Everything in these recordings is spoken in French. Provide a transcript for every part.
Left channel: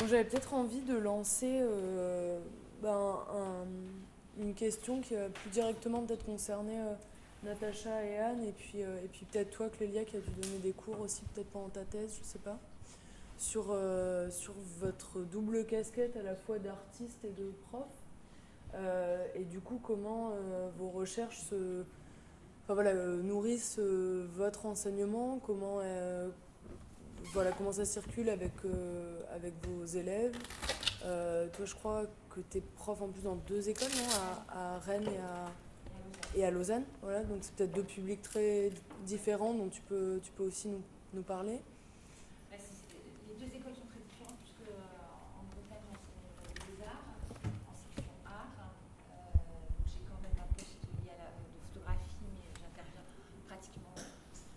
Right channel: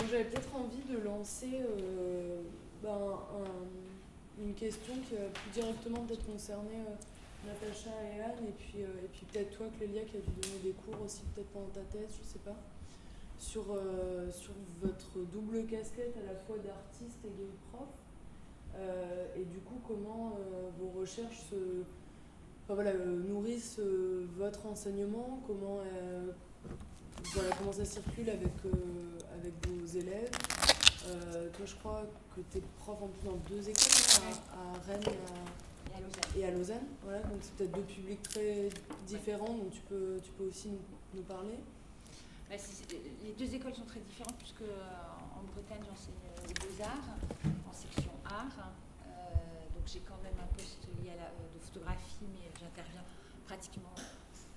Bon, j'avais peut-être envie de lancer une question qui va plus directement peut-être concerner Natacha et Anne, et puis peut-être toi, Clélia, qui a dû donner des cours aussi, peut-être pendant ta thèse, je sais pas, sur votre double casquette à la fois d'artiste et de prof. Et du coup, comment vos recherches nourrissent votre enseignement, comment ça circule avec vos élèves. Toi, je crois que tu es prof en plus dans 2 écoles, non, à Rennes et à Lausanne. Voilà, donc c'est peut-être 2 publics très différents dont tu peux aussi nous parler. Les 2 écoles sont très différentes puisque en Bretagne j'enseigne les beaux-arts en section art. Donc j'ai quand même un poste lié à de photographie, mais j'interviens pratiquement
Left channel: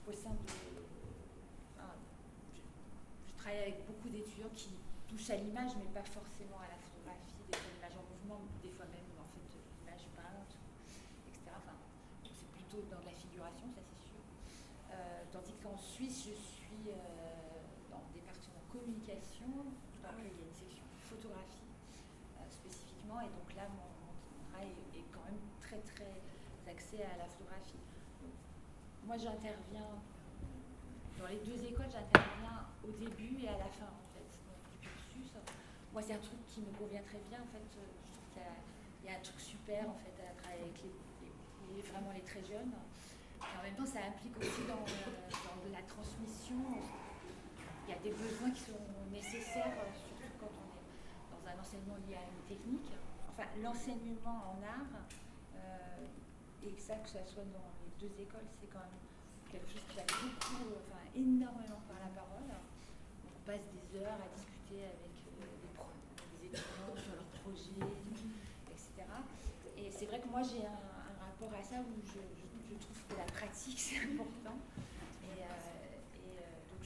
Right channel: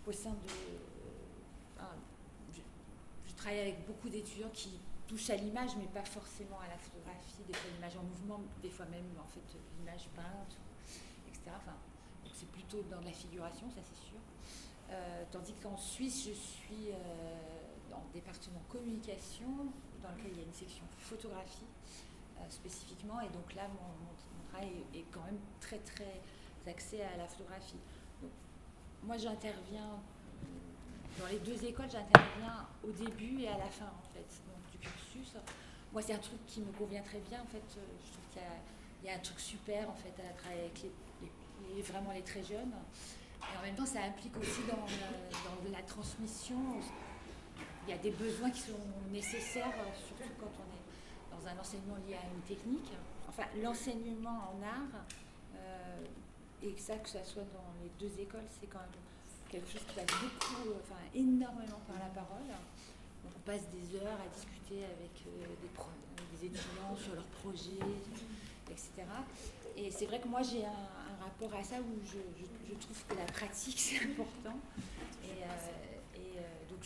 au sein de... je travaille avec beaucoup d'étudiants qui touchent à l'image, mais pas forcément à la photographie, des fois l'image en mouvement, des fois même en fait l'image peinte, etc. Donc c'est plutôt dans de la figuration, ça c'est sûr. Tandis qu'en Suisse, je suis dans le département communication, dans lequel il y a une section photographie spécifiquement, et donc là, mon travail est quand même très très axé à la photographie. Donc, moi, j'interviens dans les 2 écoles, j'interviens au début et à la fin en fait donc, du cursus. Moi, c'est un truc qui me convient très bien en fait. Je trouve qu'il y a un truc super en fait à travailler avec vraiment les très jeunes. Et en même temps, ça implique aussi dans de la transmission. Il y a des besoins qui sont nécessaires, surtout quand on est dans un enseignement lié à une technique. Enfin, l'enseignement en art, et que ça soit dans les 2 écoles, c'est quand même quelque chose qui passe énormément par la parole. Donc, on passe des heures à discuter avec des étudiants sur leurs projets, etc. Et c'est vrai que moi, j'ai un rapport à ça où je trouve que la pratique, c'est important. Donc,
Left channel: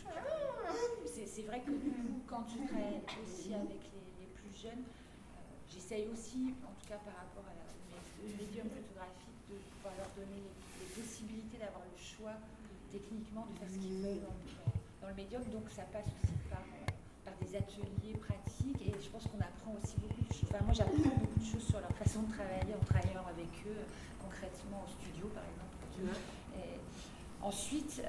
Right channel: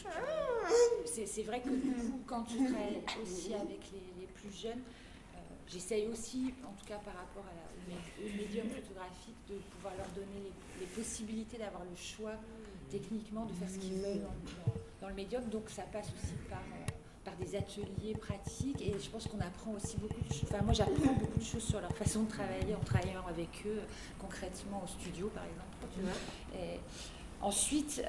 c'est vrai que du coup, quand je travaille aussi avec les plus jeunes, j'essaye aussi, en tout cas par rapport au médium photographique, de pouvoir leur donner les possibilités d'avoir le choix techniquement de faire ce qu'ils veulent dans le médium. Donc ça passe aussi par des ateliers pratiques, et je pense qu'on apprend aussi beaucoup de choses. Enfin, moi j'apprends beaucoup de choses sur leur façon de travailler en travaillant avec eux concrètement au studio par exemple. Et ensuite,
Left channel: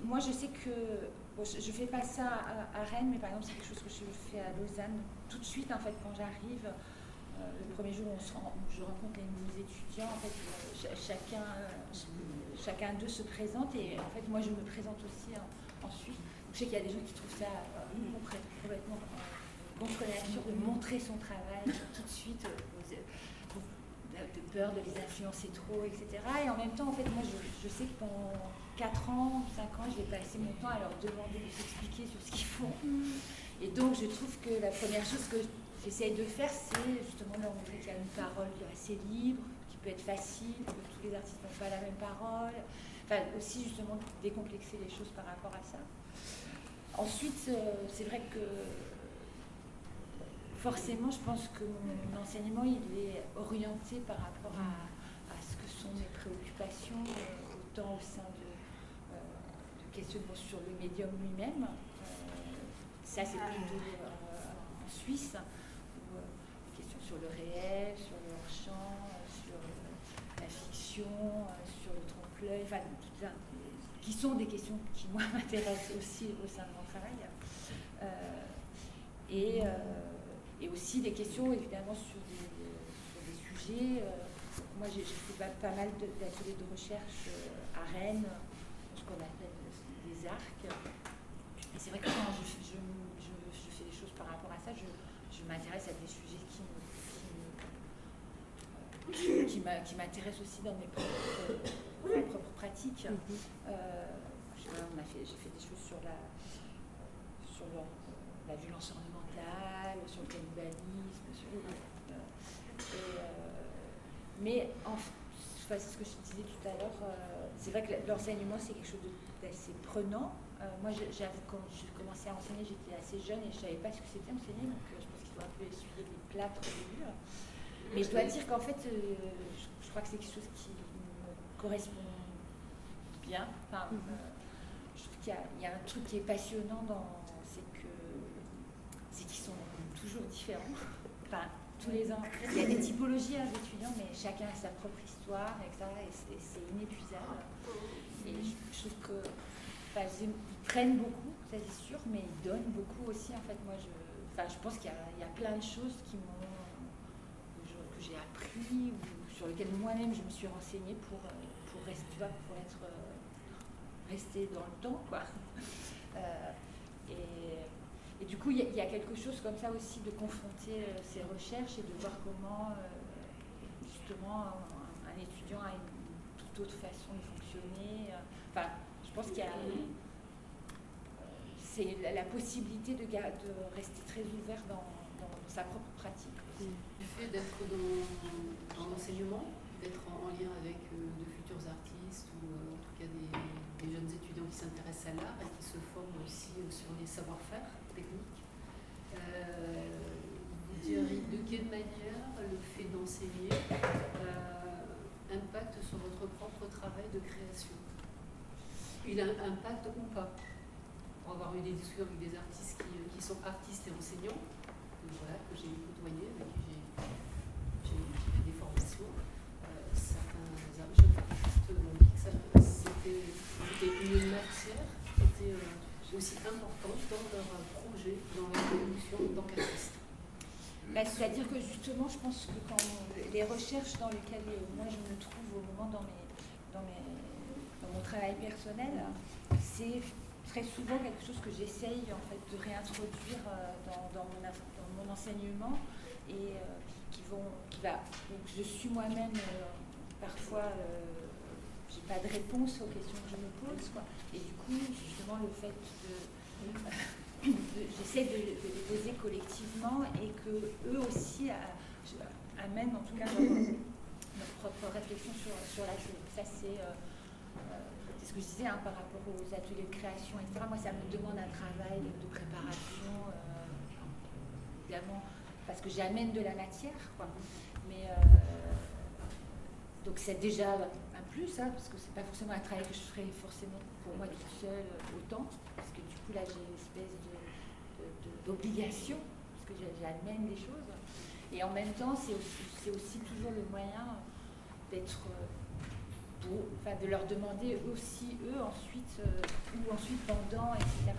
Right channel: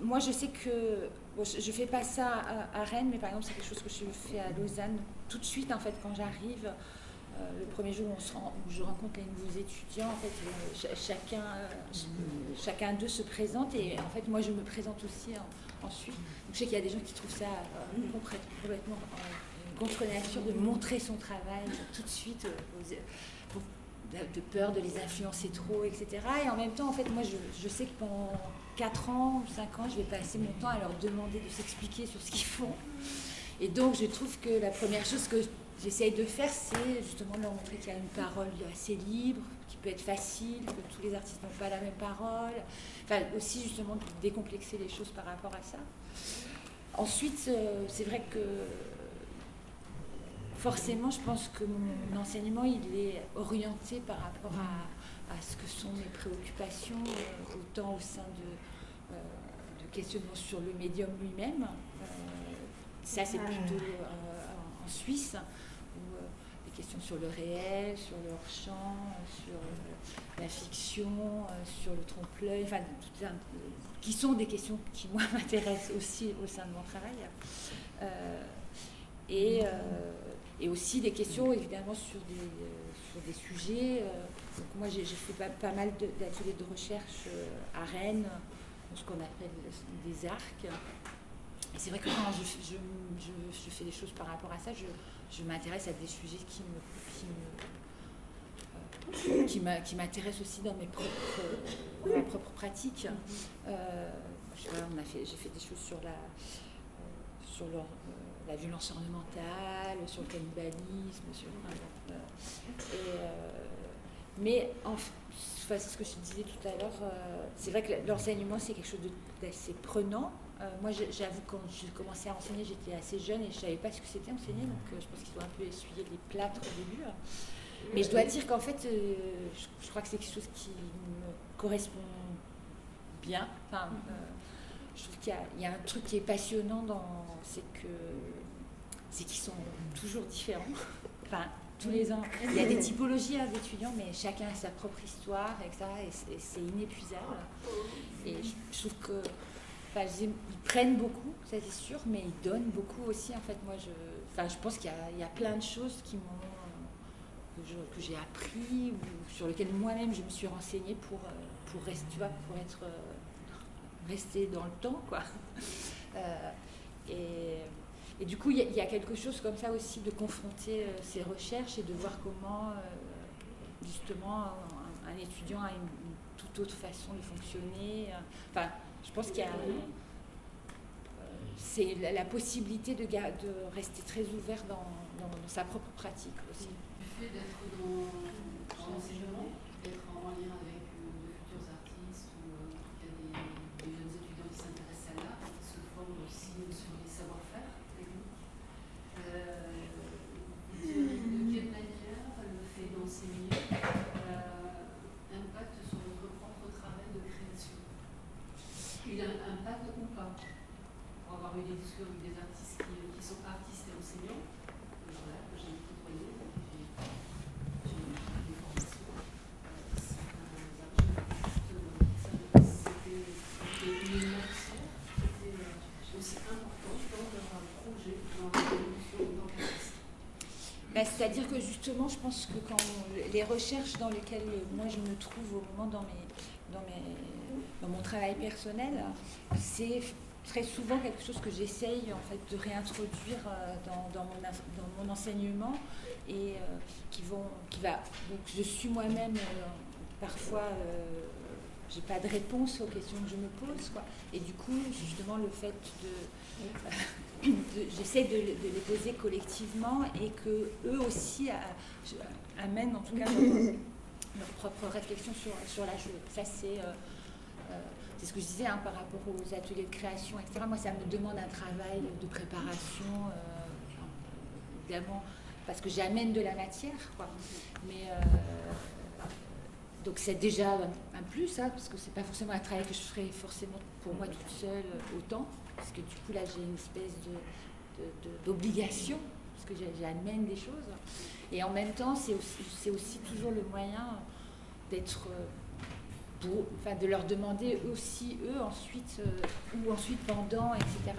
moi je sais que je fais pas ça à Rennes, mais par exemple c'est quelque chose que je fais à Lausanne tout de suite en fait quand j'arrive. Le premier jour où je rencontre les nouveaux étudiants, en fait, chacun d'eux se présente, et en fait moi je me présente aussi ensuite. Donc, je sais qu'il y a des gens qui trouvent ça complètement contre nature de montrer son travail tout de suite, de peur de les influencer trop, etc. Et en même temps, en fait, moi je sais que pendant 4 ans, 5 ans, je vais passer mon temps à leur demander de s'expliquer sur ce qu'ils font. Et donc je trouve que la première chose que j'essaye de faire, c'est justement de leur montrer qu'il y a une parole assez libre, qui peut être facile, que tous les artistes n'ont pas la même parole. Enfin, aussi justement de décomplexer les choses par rapport à ça. Ensuite, c'est vrai que forcément, je pense que mon enseignement, il est orienté par rapport à ce que sont mes préoccupations, autant au sein de questionnements sur le médium lui-même. Ça, c'est plutôt en Suisse, où des questions sur le réel, sur le hors-champ, sur la fiction, sur le trompe-l'œil, enfin, qui sont des questions qui, moi, m'intéressent aussi au sein de mon travail. Et aussi des questions, évidemment, sur des sujets. Donc moi, j'ai fait pas mal d'ateliers de recherche à Rennes, ce qu'on appelle des arcs. Et c'est vrai que quand je fais des choses par rapport à ça, je m'intéresse à des sujets qui m'intéressent aussi dans ma propre pratique. J'ai fait des choses sur la violence ornementale, sur le cannibalisme, mais c'est ce que je disais tout à l'heure, c'est vrai que l'enseignement c'est quelque chose d'assez prenant. Moi j'avoue, quand j'ai commencé à enseigner, j'étais assez jeune et je ne savais pas ce que c'était enseigner, donc je pense qu'il faut un peu essuyer les plâtres au début. Mais je dois dire qu'en fait, je crois que c'est quelque chose qui me correspond bien. je trouve qu'il y a un truc qui est passionnant c'est qu'ils sont toujours différents. Enfin, tous les ans, il y a des typologies d'étudiants, mais chacun a sa propre histoire, etc. Et c'est inépuisable. Et je trouve que, ils prennent beaucoup, ça c'est sûr, mais ils donnent beaucoup aussi. En fait, moi, je pense qu'il y a plein de choses que j'ai appris ou sur lesquelles moi-même je me suis renseignée pour rester, tu vois, pour être rester dans le temps, quoi. Et du coup, il y a quelque chose comme ça aussi de confronter ces recherches et de voir comment, justement, un étudiant a une toute autre façon de fonctionner. Enfin, je pense qu'il y a c'est la possibilité de rester très ouvert dans sa propre pratique aussi. Le fait d'être dans l'enseignement, d'être en lien avec de futurs artistes ou en tout cas des jeunes étudiants qui s'intéressent à l'art et qui se forment aussi sur les savoir-faire techniques. Vous diriez de quelle manière le fait d'enseigner impacte sur votre propre travail de création? Il a un impact ou pas? Pour avoir eu des discussions avec des artistes qui sont artistes et enseignants, voilà, que j'ai côtoyé, j'ai eu des formations, certains c'était une matière qui était aussi importante dans leur projet, dans leur évolution, dans l'artiste. C'est-à-dire que justement, je pense que quand les recherches dans lesquelles moi je me trouve au moment dans mon travail personnel, c'est très souvent quelque chose que j'essaye en fait de réintroduire dans mon enseignement et donc je suis moi-même parfois j'ai pas de réponse aux questions que je me pose, quoi. Et du coup justement le fait j'essaie de les poser collectivement et que eux aussi amènent en tout cas leur propre réflexion sur la chose. Ça c'est ce que je disais par rapport aux ateliers de création, etc. Moi, ça me demande un travail de préparation, évidemment, parce que j'amène de la matière, quoi. Mais donc c'est déjà un plus, parce que c'est pas forcément un travail que je ferais forcément pour moi toute seule autant, parce que du coup là j'ai une espèce d'obligation, parce que j'amène des choses. Et en même temps, c'est aussi toujours le moyen d'être de leur demander aussi, eux, ensuite, ou ensuite pendant, etc.,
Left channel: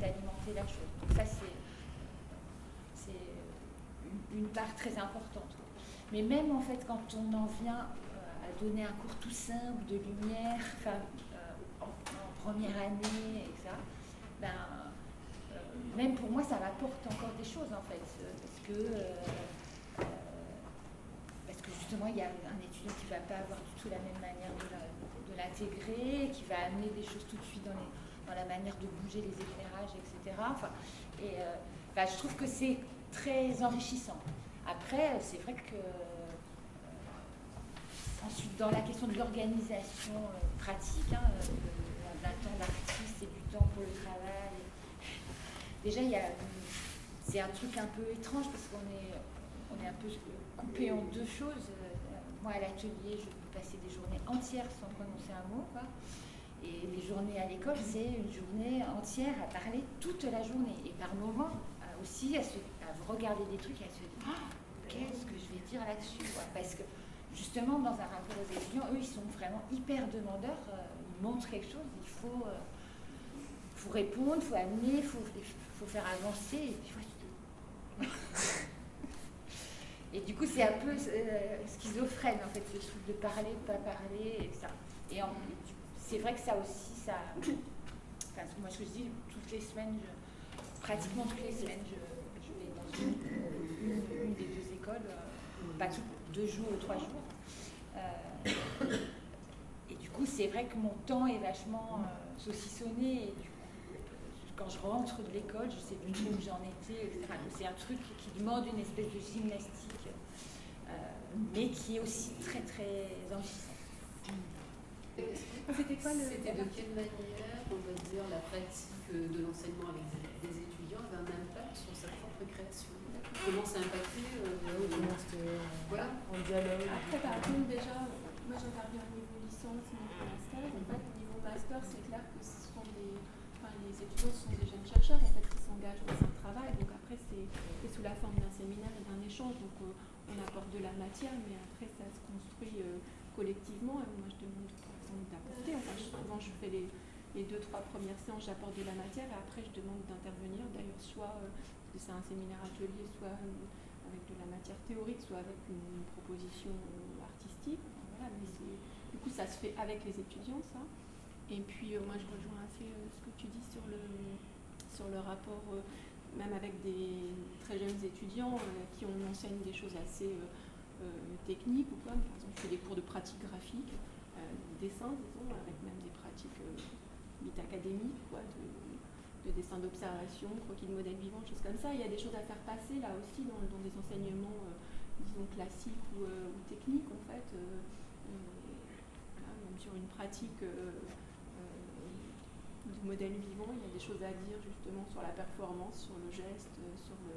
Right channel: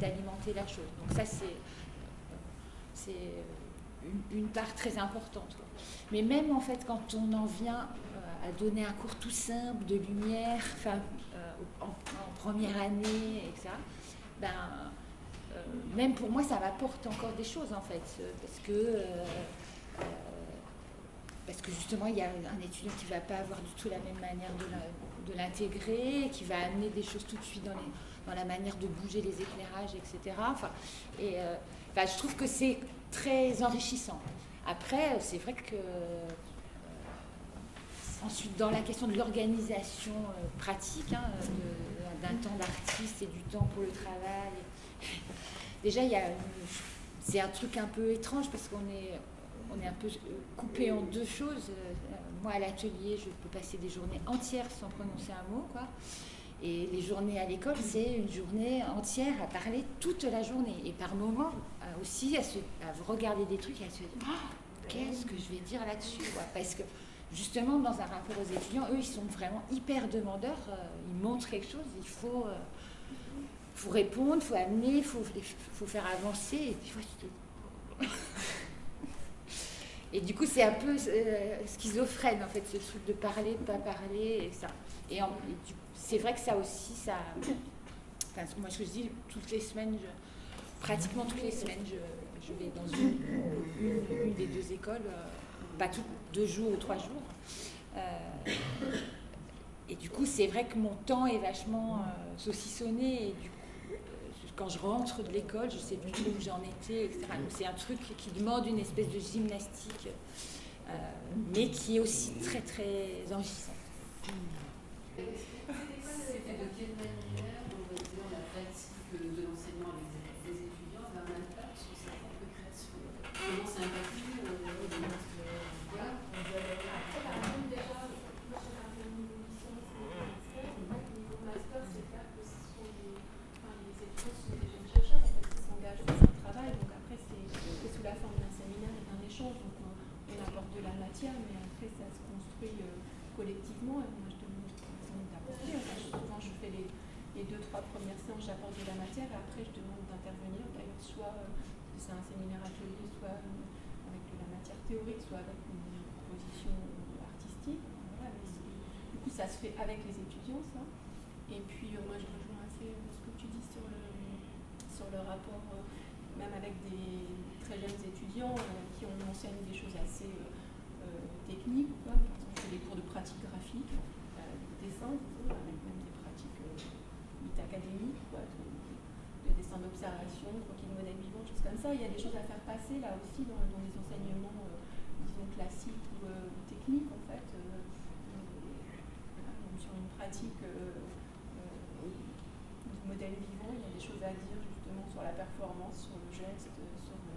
d'alimenter la chose. Donc ça, c'est une part très importante, quoi. Mais même, en fait, quand on en vient à donner un cours tout simple de lumière, en première année, etc., même pour moi, ça m'apporte encore des choses, en fait, parce que justement, il y a un étudiant qui ne va pas avoir du tout la même manière de l'intégrer, qui va amener des choses tout de suite dans la manière de bouger les éclairages, etc. Je trouve que c'est très enrichissant. Après, c'est vrai que ensuite, dans la question de l'organisation pratique, d'un temps d'artiste et du temps pour le travail, déjà, c'est un truc un peu étrange parce qu'on est un peu coupé en deux choses. Moi, à l'atelier, je peux passer des journées entières sans prononcer un mot, quoi. Et les journées à l'école, c'est une journée entière à parler toute la journée. Et par moments, aussi, à regarder des trucs et à se dire qu'est-ce que je vais dire là-dessus, quoi. Parce que, justement, dans un rapport aux étudiants, eux, ils sont vraiment hyper demandeurs. Ils montrent quelque chose, il faut répondre, il faut amener, il faut faire avancer. Et puis, et du coup, c'est un peu schizophrène, en fait, ce truc de parler, de pas parler, et ça. Et c'est vrai que ça aussi, moi, ce que je dis, toutes les semaines, pratiquement toutes les semaines, je vais dans une des deux écoles, pas 2 jours ou 3 jours. Et du coup, c'est vrai que mon temps est vachement saucissonné, et du coup, quand je rentre de l'école, je ne sais plus trop où j'en étais, etc. Donc c'est un truc qui demande une espèce de gymnastique, mais qui est aussi très, très enrichissant. C'était de quelle manière, on va dire, la pratique de l'enseignement avec des étudiants avait un impact sur sa propre création? Comment ça impacte voilà, en dialogue. Après, par exemple, déjà, moi j'ai regardé un niveau licence, niveau master. En fait, niveau master, c'est clair que ce sont des échange, donc on apporte de la matière, mais après ça se construit collectivement. Et moi je demande par exemple d'apporter, enfin, souvent je fais les 2-3 premières séances, j'apporte de la matière et après je demande d'intervenir, d'ailleurs soit c'est un séminaire atelier, soit avec de la matière théorique, soit avec une proposition artistique. Voilà, mais du coup ça se fait avec les étudiants ça. Et puis moi je rejoins assez ce que tu dis sur le rapport, même avec des très jeunes étudiants qui on enseigne des choses assez techniques ou quoi. Par exemple je fais des cours de pratique graphique, dessin, disons, avec même des pratiques dites académiques, quoi, de dessin d'observation, croquis de modèles vivants, choses comme ça. Il y a des choses à faire passer là aussi dans des enseignements, disons, classiques ou techniques en fait. Même sur une pratique du modèle vivant, il y a des choses à dire justement sur la performance, sur le geste, sur le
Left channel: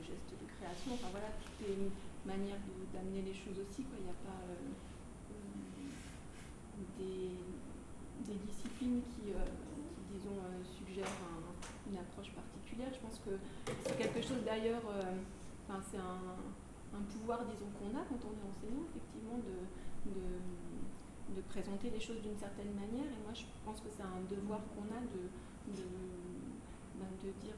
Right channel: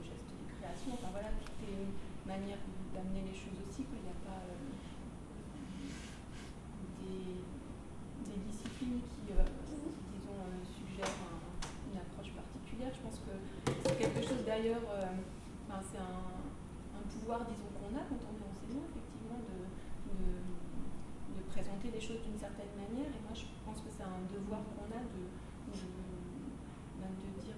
geste de création. Enfin voilà, toutes les manières d'amener les choses aussi, quoi. Il n'y a pas des disciplines qui, disons, suggèrent une approche particulière. Je pense que c'est quelque chose d'ailleurs, c'est un pouvoir, disons, qu'on a quand on est enseignant, effectivement, de présenter les choses d'une certaine manière. Et moi, je pense que c'est un devoir qu'on a de dire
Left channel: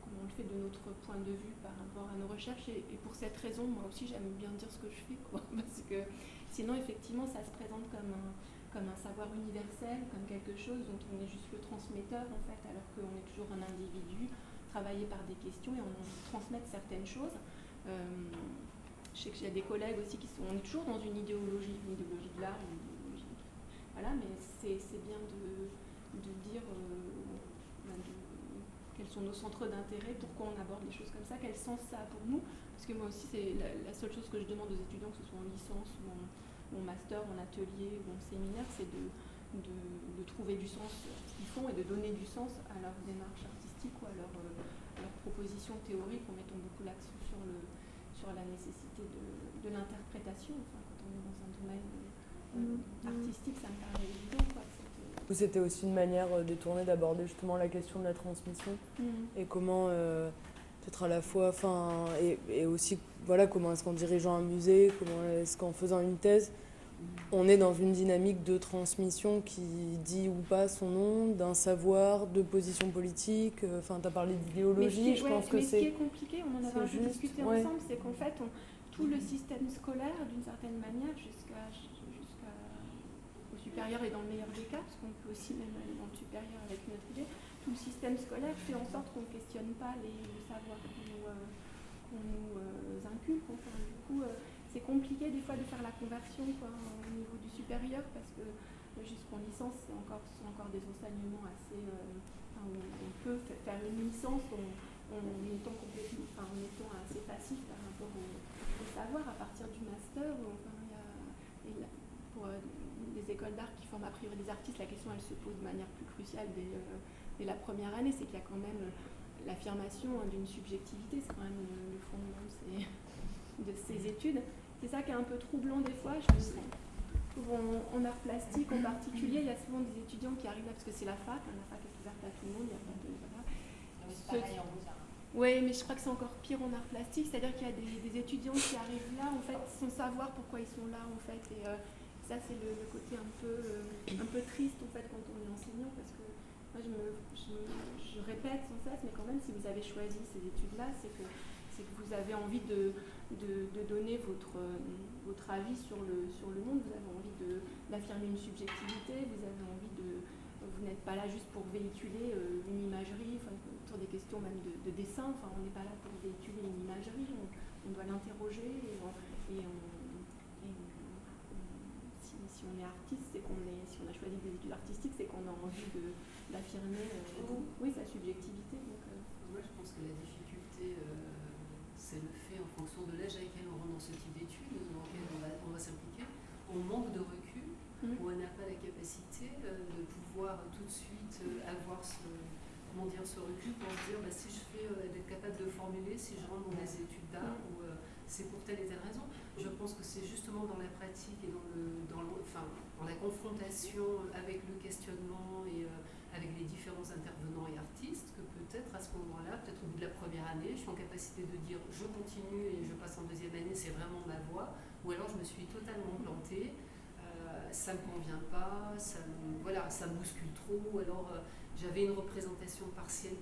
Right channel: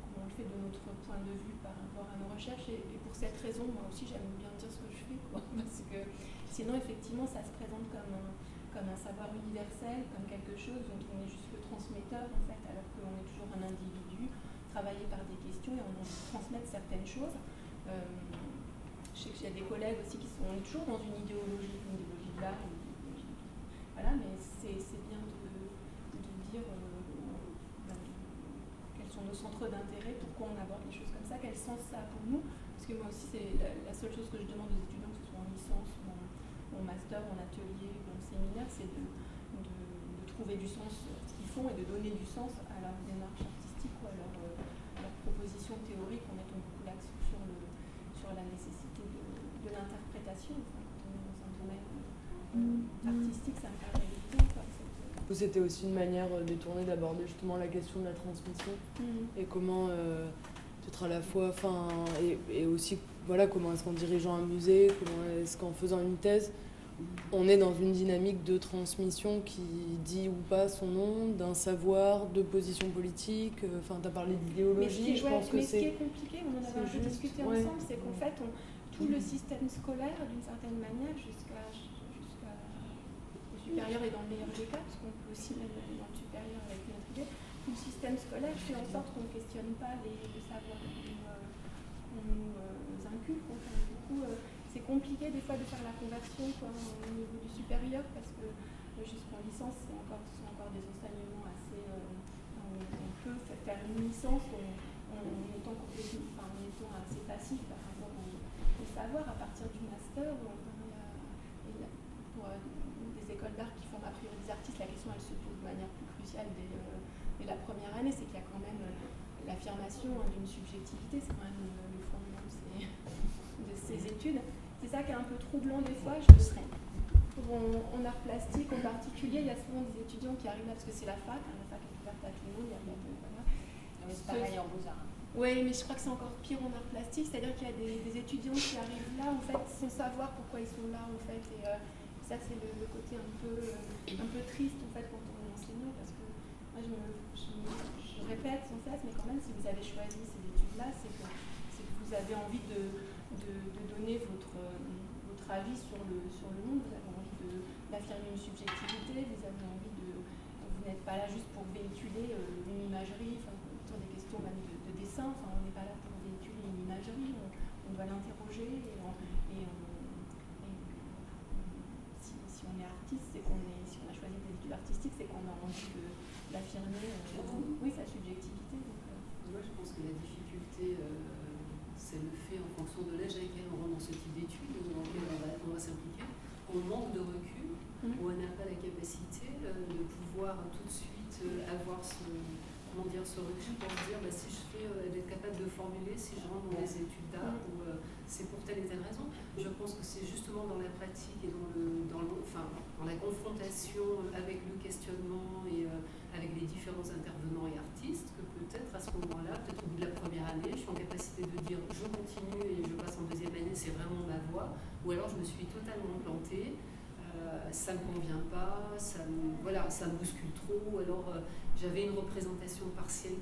comment on le fait de notre point de vue par rapport à nos recherches. Et pour cette raison, moi aussi, j'aime bien dire ce que je fais, quoi, parce que sinon, effectivement, ça se présente comme un savoir universel, comme quelque chose dont on est juste le transmetteur, en fait, alors qu'on est toujours un individu travaillé par des questions et on a envie de transmettre certaines choses. Je sais qu'il y a des collègues aussi on est toujours dans une idéologie de l'art, voilà, mais c'est bien de dire quels sont nos centres d'intérêt, pourquoi on aborde les choses comme ça, quel sens ça a pour nous, parce que moi aussi c'est la seule chose que je demande aux étudiants, que ce soit en licence ou mon master, mon atelier, mon séminaire, c'est de trouver du sens à ce qu'ils font et de donner du sens à leur démarche artistique ou à leur proposition théorique, en mettant beaucoup l'accent sur la nécessité de l'interprétation. Enfin, quand on est dans un domaine artistique, ça me paraît évident, quoi. C'était aussi une manière détournée d'aborder justement la question de la transmission et comment peut-être à la fois, et aussi voilà, comment est-ce qu'en dirigeant un musée, comment est-ce qu'en faisant une thèse, on est dans une dynamique de transmission qui dit ou pas son nom, d'un savoir, de position politique. Enfin, tu as parlé d'idéologie, je pense que c'est... Mais ce qui est compliqué, on en avait un peu discuté ensemble, c'est qu'en fait, tout le système scolaire, d'une certaine manière, jusqu'au supérieur et dans le meilleur des cas, parce qu'on peut aussi même aller dans le supérieur avec notre idée, tout le système scolaire fait en sorte qu'on ne questionne pas le savoir qu'on nous inculque. Enfin, du coup, c'est compliqué des fois de faire la conversion, quoi, au niveau du supérieur, parce que jusqu'en licence, sont encore des enseignements assez... on peut faire une licence en étant assez passif par rapport au savoir. À partir du master, pour des écoles d'art qui forment a priori des artistes, la question elle se pose de manière plus cruciale dès la première année, c'est qu'il y a quand même l'affirmation d'une subjectivité, c'est quand même le fondement de ces études. C'est ça qui est un peu troublant des fois. En art plastique en particulier, il y a souvent des étudiants qui arrivent là parce que c'est la fac est ouverte à tout le monde, il y a rien de... Voilà. C'est pareil en beaux-arts. Oui, mais je crois que c'est encore pire en art plastique, c'est-à-dire qu'il y a des étudiants qui arrivent là, en fait, sans savoir pourquoi ils sont là, en fait, et ça c'est le côté un peu triste, en fait, quand on est enseignant, parce que moi je répète sans cesse, mais quand même, si vous avez choisi ces études-là, c'est que vous avez envie de donner votre avis sur le monde, vous avez envie d'affirmer une subjectivité, vous avez envie vous n'êtes pas là juste pour véhiculer une imagerie, sur des questions même de dessin, on n'est pas là pour véhiculer une imagerie, on doit l'interroger si on est artiste, si on a choisi des études artistiques, c'est qu'on a envie d'affirmer sa subjectivité. Moi je pense que la difficulté, c'est le fait, en fonction de l'âge avec lequel on rentre dans ce type d'études, dans lequel on va s'impliquer, on manque de recul, où on n'a pas la capacité de pouvoir tout de suite avoir ce recul pour se dire si je fais, d'être capable de formuler si je rentre dans des études d'art ou c'est pour telle et telle raison. Je pense que c'est justement dans la pratique et dans la confrontation avec le questionnement et avec les différents intervenants et artistes que peut-être à ce moment-là, peut-être au bout de la première année, je suis en capacité de dire je continue et je passe en deuxième année, c'est vraiment ma voie, ou alors je me suis totalement plantée, ça ne me convient pas, ça me bouscule trop, ou alors j'avais une représentation partielle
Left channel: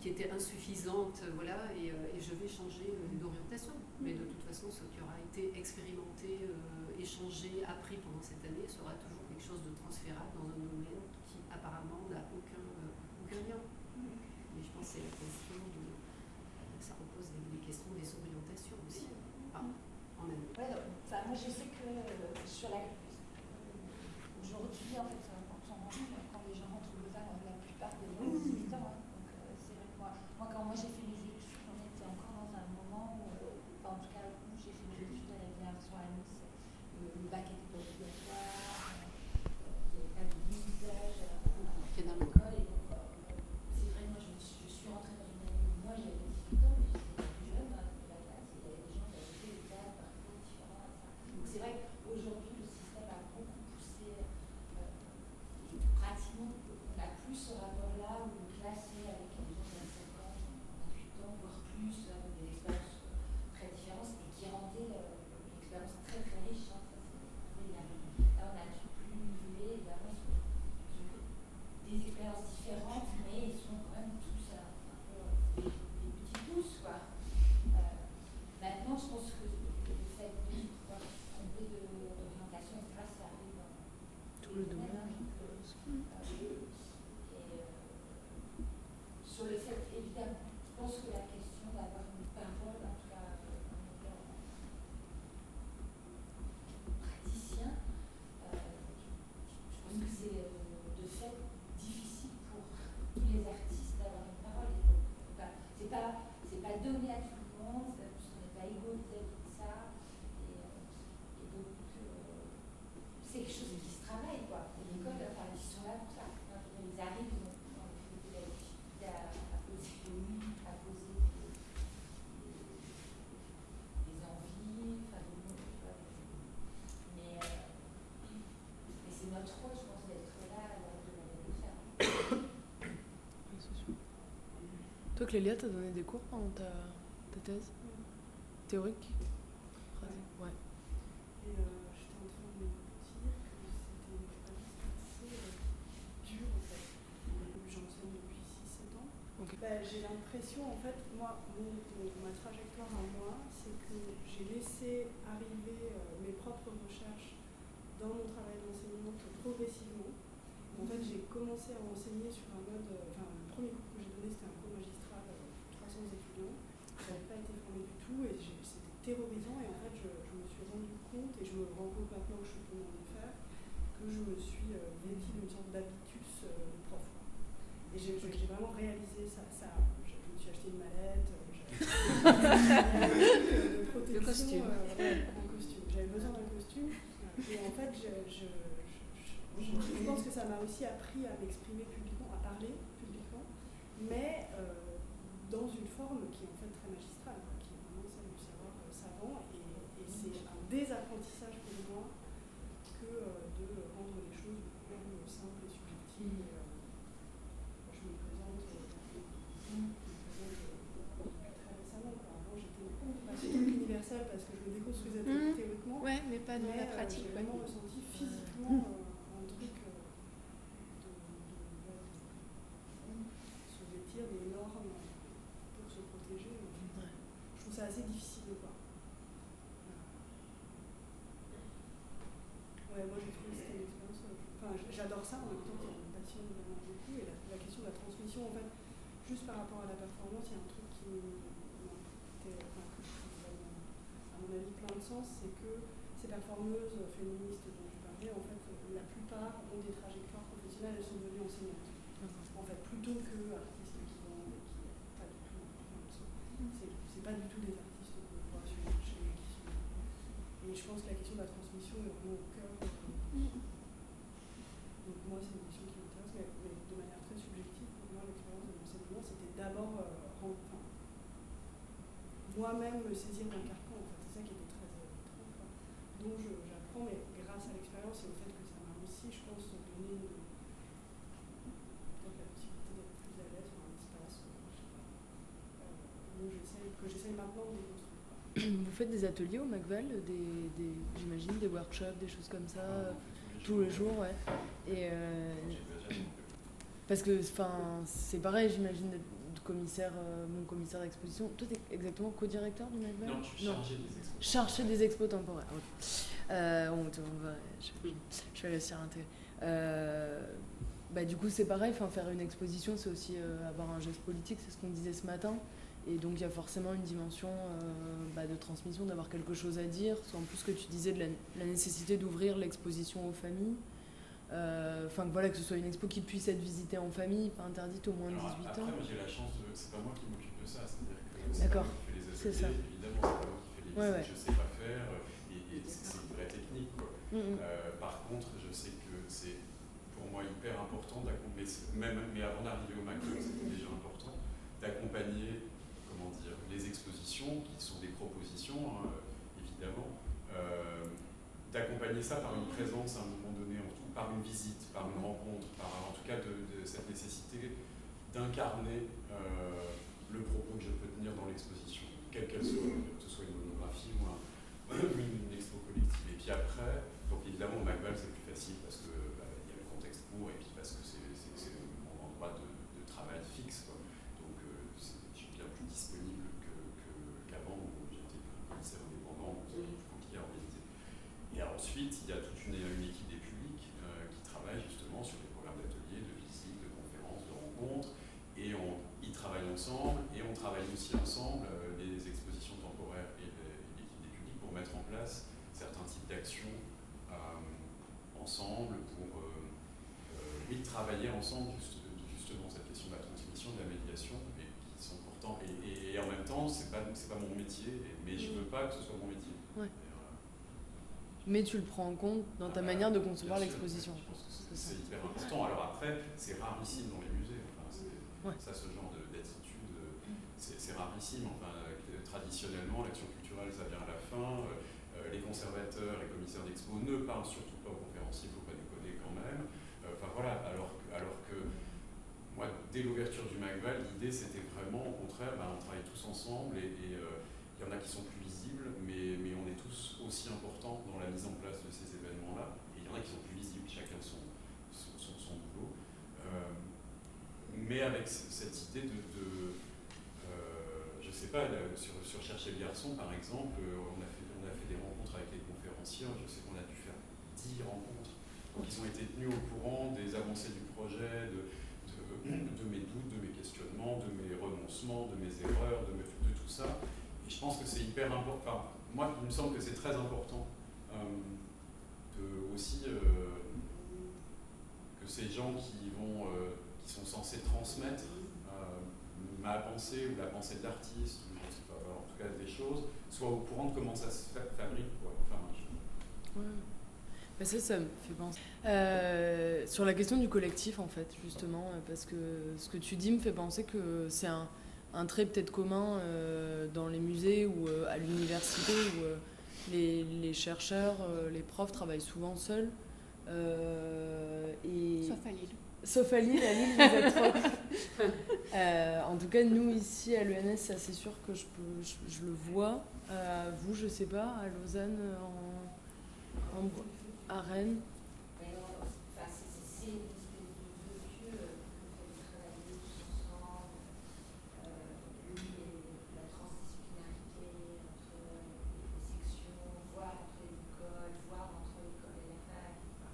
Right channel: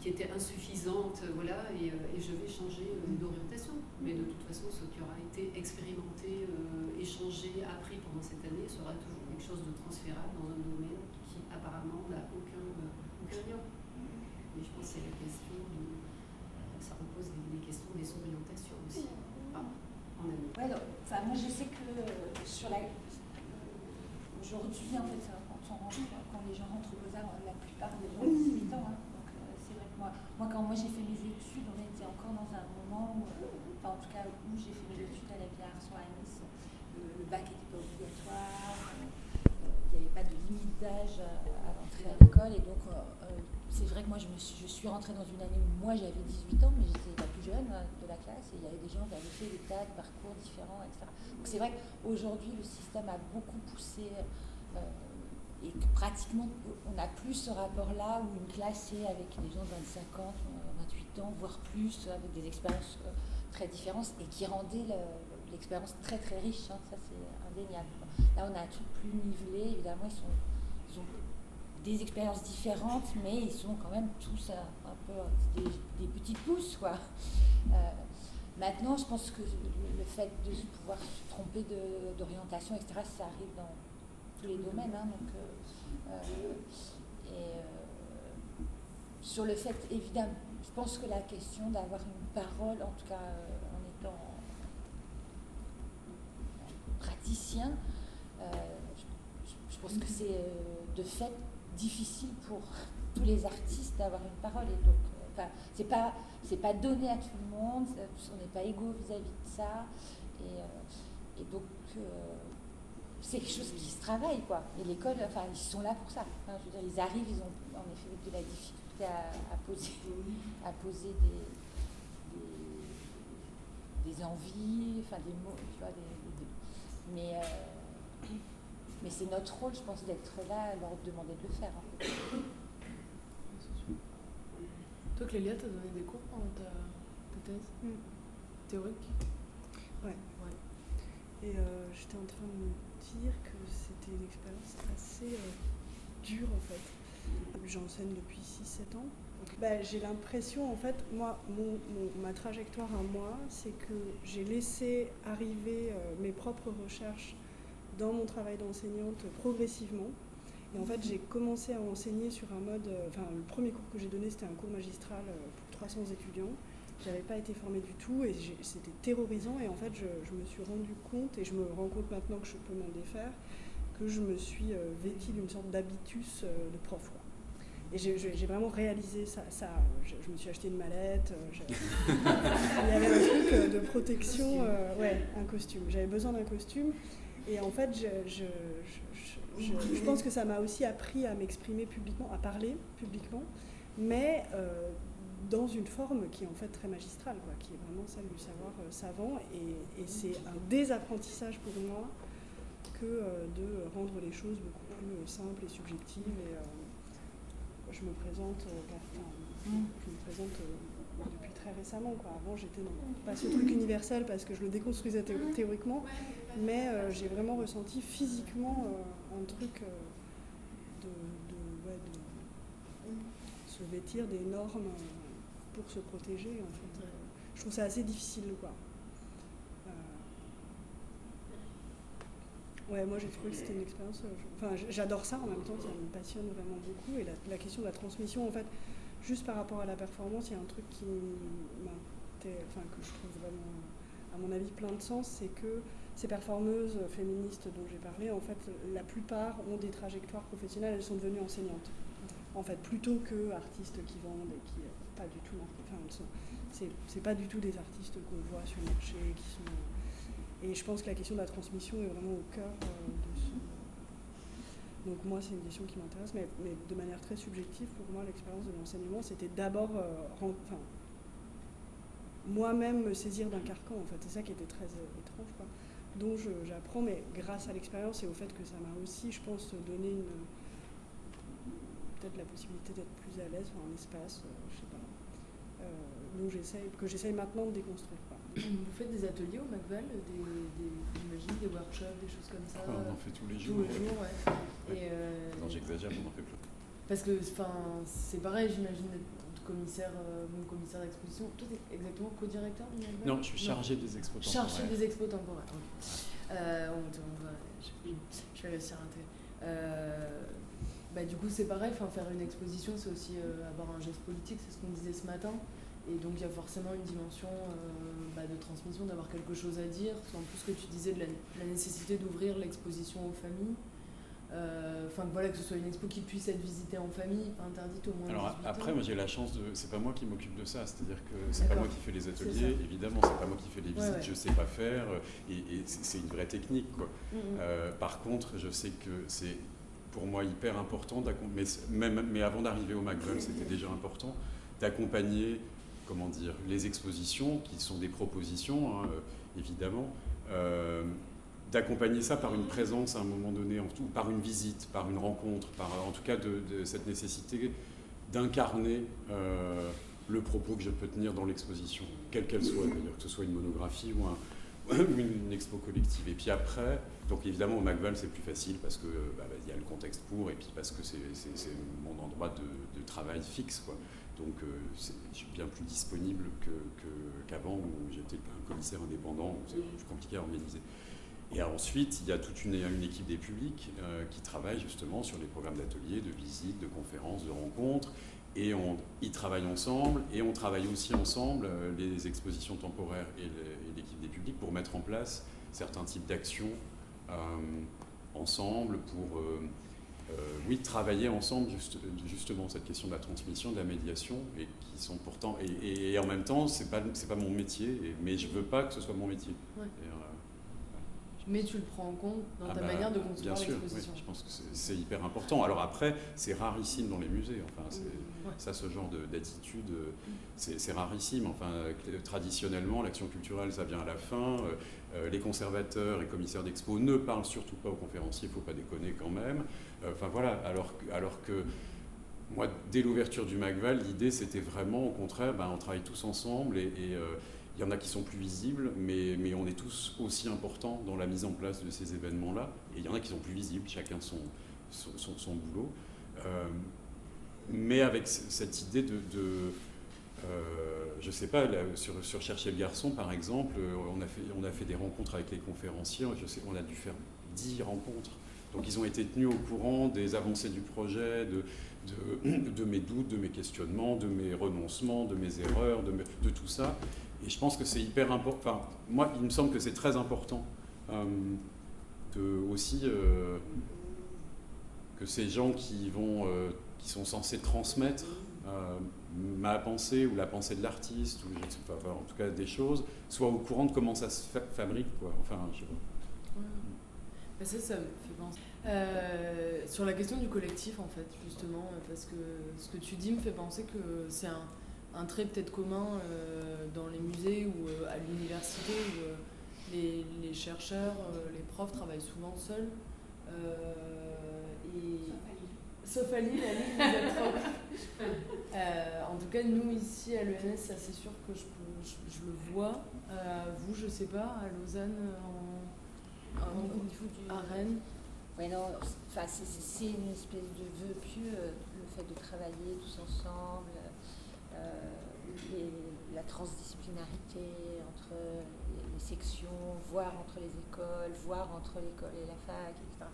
qui était insuffisante, et je vais changer d'orientation. Mais de toute façon, ce qui aura été expérimenté, échangé, appris pendant cette année sera toujours quelque chose de transférable dans un domaine qui apparemment n'a aucun lien. Mais je pense que c'est la question ça repose les questions des orientations aussi, en année. Ouais, moi je sais que aujourd'hui, en fait, quand les gens rentrent au Beaux-Arts, la plupart des gens ont 18 ans. Donc c'est vrai que moi, quand j'ai fait mes études, on était encore dans un moment où, en tout cas où j'ai fait mes études à la Villars-sur à Nice, le bac était pas obligatoire, il n'y avait pas de limite d'âge à l'entrée dans l'école, et donc c'est vrai que moi je suis rentrée dans une année où moi j'avais 18 ans, mais j'étais la plus jeune de la classe, et il y avait des gens qui avaient fait des tas de parcours différents, etc. Donc c'est vrai qu'aujourd'hui le système a beaucoup poussé, et que pratiquement on n'a plus ce rapport-là où une classe est avec des gens de 25 ans, 28 ans, voire plus, avec des expériences très différentes, et qui rendaient l'expérience très très riche, ça c'est indéniable. Là on a un truc plus nivelé, évidemment ils ont des expériences différentes, mais ils sont quand même tous un peu des petits pousses, quoi. Maintenant, je pense que le fait de pouvoir se tromper d'orientation, etc., ça arrive dans tous les domaines. Sur le fait, évidemment, je pense que la question d'avoir une parole, en tout cas en étant praticien, je pense que c'est de fait difficile pour tous les artistes d'avoir une parole, et donc c'est pas donné à tout le monde, on n'est pas égaux vis-à-vis de ça, et donc c'est quelque chose qui se travaille, quoi. Et l'école, ils sont là pour ça, je veux dire, ils arrivent, ils ont en effet de la difficulté à poser des envies, des mots, tu vois, mais c'est notre rôle, je pense, d'être là, leur demander de le faire. Toi, Clélia, t'as donné des cours pendant ta thèse théorique? Ouais. Et j'étais en train de me dire que c'était une expérience assez dure, en fait. J'enseigne depuis 6-7 ans. Donc, j'ai l'impression, en fait, moi, ma trajectoire à moi, c'est que j'ai laissé arriver mes propres recherches dans mon travail d'enseignante progressivement. Et en fait, j'ai commencé à enseigner sur un mode... le premier cours que j'ai donné, c'était un cours magistral pour 300 étudiants. Je n'avais pas été formée du tout et c'était terrorisant. Et en fait, je me suis rendu compte, et je me rends compte maintenant que je peux m'en défaire, que je me suis vêtie d'une sorte d'habitus de prof, quoi. Et j'ai vraiment réalisé ça. Je me suis acheté une mallette, il y avait un truc de protection, un costume. J'avais besoin d'un costume. Et en fait, je pense que ça m'a aussi appris à m'exprimer publiquement, à parler publiquement, mais dans une forme qui est en fait très magistrale, quoi, qui est vraiment celle du savoir savant. Et c'est un désapprentissage pour moi que de rendre les choses beaucoup plus simples et subjectives. Et je me présente depuis très récemment, quoi. Avant, j'étais pas ce truc universel parce que je le déconstruisais théoriquement, mais j'ai vraiment ressenti physiquement un truc de se vêtir des normes pour se protéger, en fait. Je trouve ça assez difficile, quoi. Moi j'ai trouvé que c'était une expérience... j'adore ça en même temps, ça me passionne vraiment beaucoup. Et la question de la transmission, en fait, juste par rapport à la performance, il y a un truc que je trouve vraiment, à mon avis, plein de sens, c'est que ces performeuses féministes dont j'ai parlé, en fait, la plupart ont des trajectoires professionnelles, elles sont devenues enseignantes. En fait, plutôt que artistes qui vendent et qui... pas du tout. C'est pas du tout des artistes qu'on voit sur le marché, qui sont... Et je pense que la question de la transmission est vraiment au cœur de ce... Donc moi, c'est une question qui m'intéresse, mais de manière très subjective, pour moi, l'expérience de l'enseignement, c'était d'abord moi-même me saisir d'un carcan, en fait. C'est ça qui était très étrange, quoi. Dont j'apprends, mais grâce à l'expérience et au fait que ça m'a aussi, je pense, donné peut-être la possibilité d'être plus à l'aise, un espace, je sais pas. que j'essaye maintenant de déconstruire. Vous faites des ateliers au McVal, j'imagine, des workshops, des choses comme ça? On en fait tous les jours. Tous les jours, ouais. Et non, j'exagère, on en fait plus. Parce que c'est pareil, j'imagine, d'être commissaire d'exposition. Toi, t'es exactement co-directeur du McVal? Non, je suis chargé des expos temporaires. Chargé des expos temporaires, ok. Je vais réussir à intégrer. Du coup, c'est pareil, faire une exposition, c'est aussi avoir un geste politique, c'est ce qu'on disait ce matin. Et donc, il y a forcément une dimension de transmission, d'avoir quelque chose à dire. En plus, ce que tu disais de la nécessité d'ouvrir l'exposition aux familles. Que ce soit une expo qui puisse être visitée en famille, pas interdite au moins de 18 ans. Après, moi j'ai la chance c'est pas moi qui m'occupe de ça, c'est-à-dire que c'est pas D'accord. moi qui fais les ateliers, évidemment, c'est pas moi qui fais les visites, Ouais. je sais pas faire, et c'est une vraie technique, quoi. Par contre, je sais que c'est pour moi hyper important, mais avant d'arriver au McVal, c'était déjà important, d'accompagner, les expositions, qui sont des propositions, hein, évidemment, d'accompagner ça par une présence à un moment donné, par une visite, par une rencontre, en tout cas de cette nécessité d'incarner le propos que je peux tenir dans l'exposition, quelle qu'elle soit, d'ailleurs, que ce soit une monographie ou une expo collective. Et puis après, donc évidemment au McVal c'est plus facile parce que y a le contexte pour, et puis parce que c'est mon endroit de travail fixe, quoi. Donc je suis bien plus disponible qu'avant où j'étais un commissaire indépendant, où c'est plus compliqué à organiser. Et ensuite, il y a toute une équipe des publics qui travaille justement sur les programmes d'ateliers, de visites, de conférences, de rencontres. Et ils travaillent ensemble, et on travaille aussi ensemble, les expositions temporaires et l'équipe des publics, pour mettre en place certains types d'actions ensemble, pour travailler ensemble justement cette question de la transmission, de la médiation, et qui sont pourtant... Et en même temps, c'est pas mon métier, mais je veux pas que ce soit mon métier. Ouais. Mais tu le prends en compte dans ta manière de concevoir l'exposition. Oui, je pense que c'est hyper important. Alors après, c'est rarissime dans les musées. Ça, ce genre d'attitude, c'est rarissime. Traditionnellement, l'action culturelle, ça vient à la fin. Les conservateurs et commissaires d'expo ne parlent surtout pas aux conférenciers, il ne faut pas déconner quand même. Alors que moi, dès l'ouverture du McVal, l'idée, c'était vraiment, au contraire, on travaille tous ensemble et il y en a qui sont plus visibles, mais on est tous aussi importants dans la mise en place de ces événements-là. Et il y en a qui sont plus visibles, chacun son boulot. Mais avec cette idée je ne sais pas, sur Chercher le garçon, par exemple, on a fait des rencontres avec les conférenciers. On a dû faire 10 rencontres. Donc ils ont été tenus au courant des avancées du projet, de mes doutes, de mes questionnements, de mes renoncements, de mes erreurs, de tout ça. Et je pense que c'est hyper important. Moi, il me semble que c'est très important que ces gens qui sont censés transmettre ma pensée ou la pensée de l'artiste, ou je ne sais pas, en tout cas des choses, soient au courant de comment ça se fabrique, quoi. Ça me fait penser. Sur la question du collectif, en fait, justement, parce que ce que tu dis me fait penser que c'est un trait peut-être commun dans les musées ou à l'université où les chercheurs, les profs travaillent souvent seuls. Sauf à Lille, vous êtes trop. En tout cas, nous ici à l'ENS, ça c'est sûr que je le vois. Vous, je sais pas, à Lausanne, à Rennes. Oui, non, c'est une espèce de vœu pieux, le fait de travailler tous ensemble, la transdisciplinarité entre les sections, voire entre les écoles, voire entre l'école et la fac, etc.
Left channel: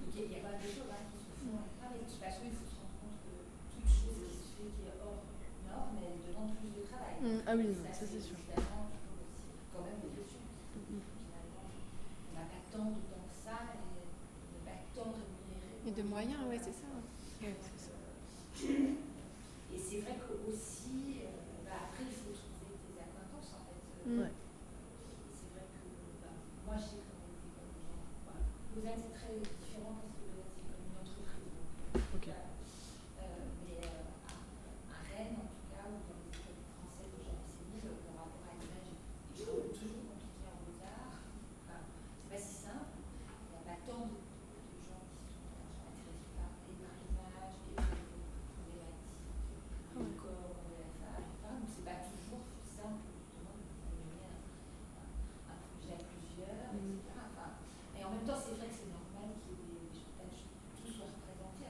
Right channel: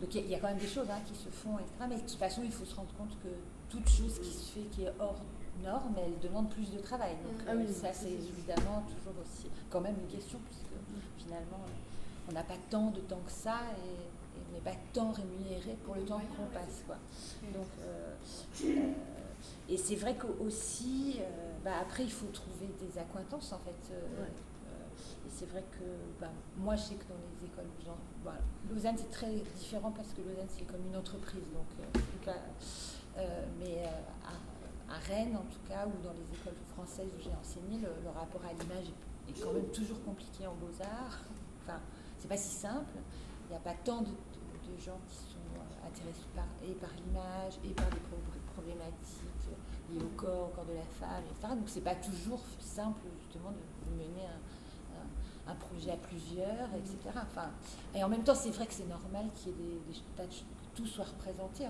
Donc il y a quand même des choses qui se font, etc. Mais de toute façon, il faut se rendre compte que toute chose qui se fait, qui est hors norme, elle demande plus de travail. Donc, ça, c'est évidemment toujours aussi quand même une question, puisque finalement, on n'a pas tant de temps que ça et on n'est pas tant rémunéré pour le temps qu'on passe. Et c'est vrai qu'aussi, après, il faut trouver des accointances, en fait. Et c'est vrai que moi, je sais que dans les écoles, Lausanne, c'est très différent parce que Lausanne, c'est comme une entreprise. Donc, mais à Rennes, en tout cas, ou dans les écoles françaises où j'ai enseigné, le rapport à l'image est quand même toujours compliqué en beaux-arts. C'est pas si simple. Il n'y a pas tant de gens qui sont intéressés par l'image et par les problématiques liées au corps, corps de la femme, etc. Donc c'est pas toujours simple justement de mener un projet à plusieurs, etc. Enfin, et en même temps, c'est vrai que c'est normal qu'il y ait que tout soit représenté,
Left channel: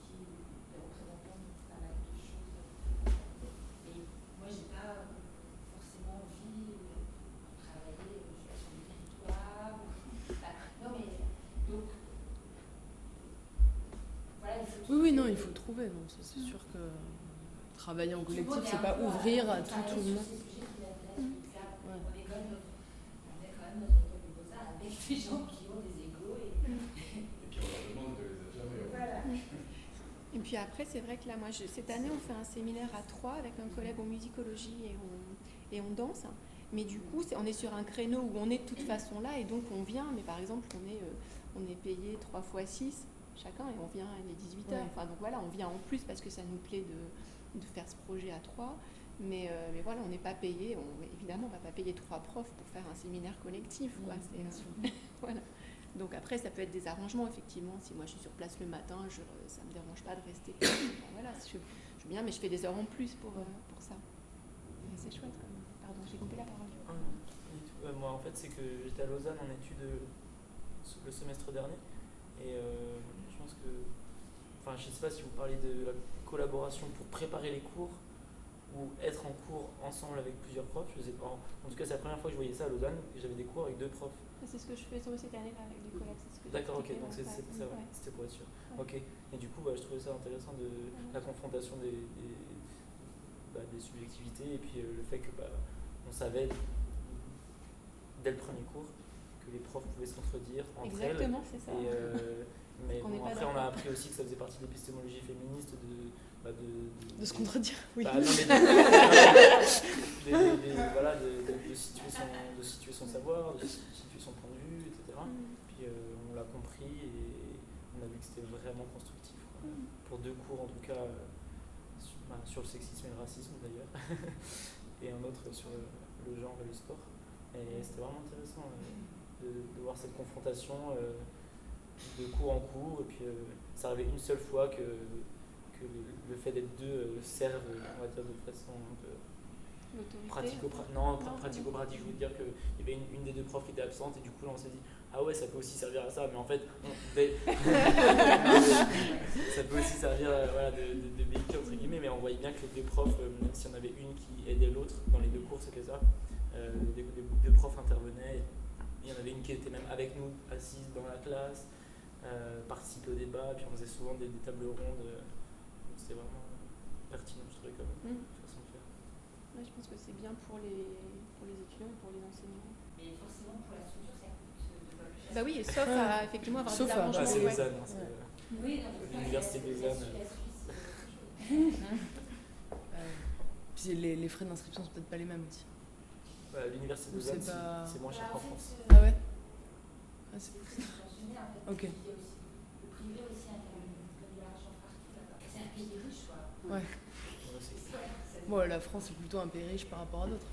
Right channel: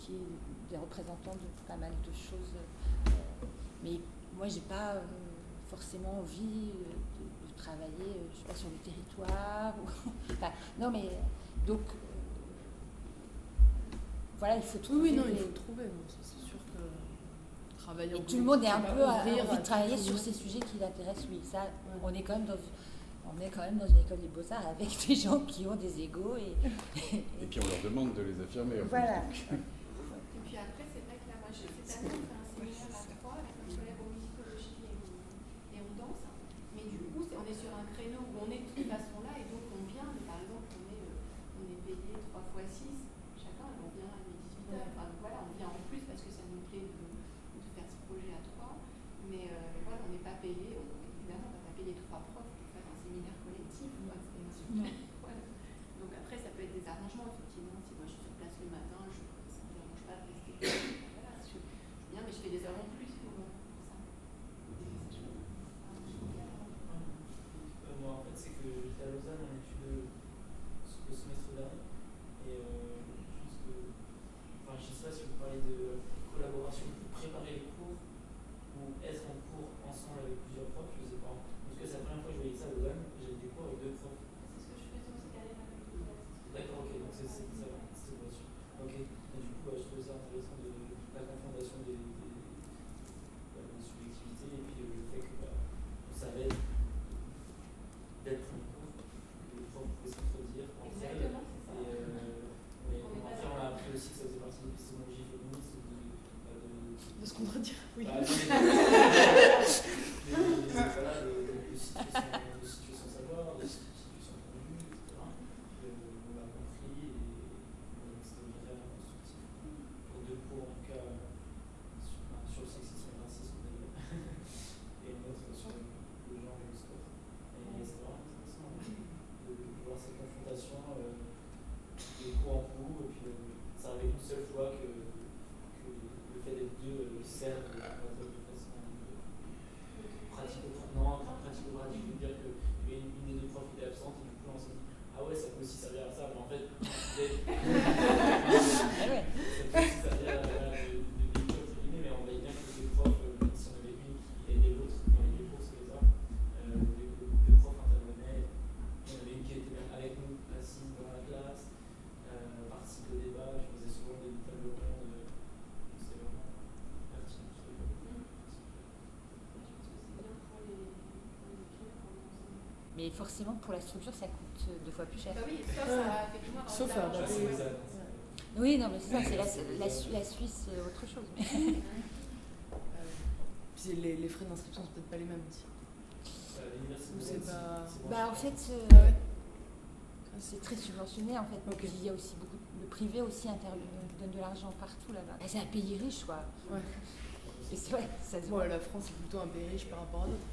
qu'il y ait des représentants de pas mal de choses. Mais moi, j'ai pas forcément envie de travailler, je sais pas, sur le territoire. Non, mais donc. Voilà, il faut trouver. Oui, non, il faut le trouver. Donc, c'est sûr que travailler en collectif, collectif, tout le monde est un peu ouvrir envie de travailler sur tout. ces sujets qui l'intéressent, oui. Ça, Ouais. on est quand même dans une école des beaux-arts avec des gens qui ont des égos et puis on leur demande de les affirmer. Voilà. Et puis après, c'est vrai que là, moi, cette année, on fait un séminaire à 3 avec un collègue en musicologie et on danse. Mais du coup, on est sur un créneau où on est de toute façon là, et donc on vient, mais par exemple, on est payé 3 fois 6 chacun, et on vient, il est 18h. Ouais. Enfin, donc voilà, on vient en plus parce que ça nous plaît de faire ce projet à 3. Mais voilà, on n'est pas payé, évidemment, on ne va pas payer 3 profs pour faire un séminaire collectif. Quoi. Voilà. Donc après, ça peut être des arrangements, effectivement. Si moi je suis sur place le matin, ça ne me dérange pas de rester. Voilà, je viens, mais je fais des heures en plus pour ça. C'est chouette. Pardon, j'ai coupé la parole. Moi, en fait, c'est que j'étais à Lausanne en études le semestre dernier. Et je pense que. Enfin, je ne sais pas si vous parlez de la collaboration pour préparer les cours ou être en cours ensemble avec plusieurs profs. Je sais pas. En tout cas, c'est la première fois que je voyais ça à Lausanne et j'avais des cours avec 2 profs. C'est ce que je fais cette année-là avec les collègues. D'accord, ok, donc c'était pour être sûr. Ok, et du coup, je trouvais ça intéressant de la confrontation des subjectivités et puis le fait que on savait dès le premier cours que les profs pouvaient s'entredire entre elles. Exactement, c'est ça. Mais bon, après, on a appris aussi que ça faisait partie de l'épistémologie féministe De se contredire, oui. De situer son savoir, de situer son point de vue, etc. Puis on l'a compris et on a vu que c'était vraiment constructif. Pour 2 cours en tout cas, sur le sexisme et le racisme d'ailleurs, et un autre sur le genre et le sport. Et c'était vraiment intéressant de voir cette confrontation de cours en cours. Et puis ça arrivait une seule fois que le fait d'être 2 serve, on va dire, de façon pratico-pratique. Je veux dire qu'il y avait une des 2 profs qui était absente et du coup là on s'est dit ah ouais, ça peut aussi servir à ça, mais en fait ça peut aussi servir de véhicule entre guillemets, mais on voyait bien que les 2 profs, même si on avait une qui aidait l'autre dans les 2 cours, c'était ça, les 2 profs intervenaient, il y en avait une qui était même avec nous assise dans la classe, participe au débat, puis on faisait souvent des tables rondes. C'était vraiment pertinent, je trouvais, comme façon de faire. Ouais, je pense que c'est bien pour les étudiants et pour les enseignants. Mais forcément, pour la structure, ça coûte 2 fois plus cher. Bah oui, sauf à effectivement avoir Sauf des à- arrangements. C'est Ouais. Lausanne. Oui, non, mais ça, L'université de la Lausanne. Suisse, c'est autre chose. Puis les frais d'inscription sont peut-être pas les mêmes aussi. L'université Ou de Lausanne, c'est pas- c'est moins cher. En fait, Ah ouais. c'est très subventionné en fait. Ok. Il y a aussi beaucoup, le privé aussi intervient, donne de l'argent partout là-bas. C'est un pays riche, quoi. Ouais. Et c'est vrai, ça Bon, la France est plutôt un pays riche par rapport à d'autres.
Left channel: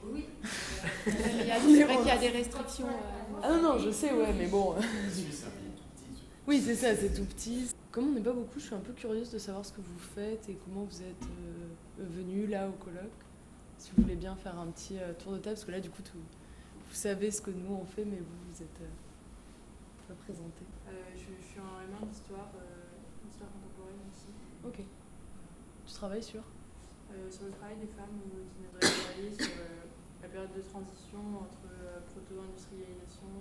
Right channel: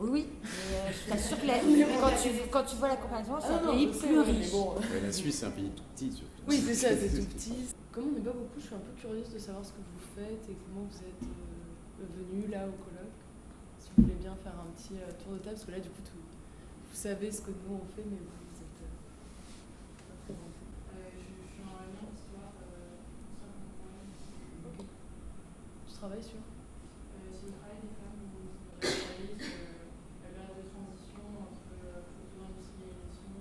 Oui, mais je suis sûre que C'est vrai qu'il y a des quand tu vois la restrictions, comparaison, Ah c'est un non, pays je sais, plus ouais, riche. mais bon. La Suisse, c'est un pays tout petit. surtout. Oui, c'est ça, c'est tout petit. Comme on n'est pas beaucoup, je suis un peu curieuse de savoir ce que vous faites et comment vous êtes venus là au colloque. Si vous voulez bien faire un petit tour de table, parce que là, du coup, vous savez ce que nous on fait, mais vous êtes pas présenté. Je suis en allemand d'histoire contemporaine ici. Ok. Tu travailles sur Sur le travail des femmes, on aimerait travailler sur la période de transition entre proto-industrialisation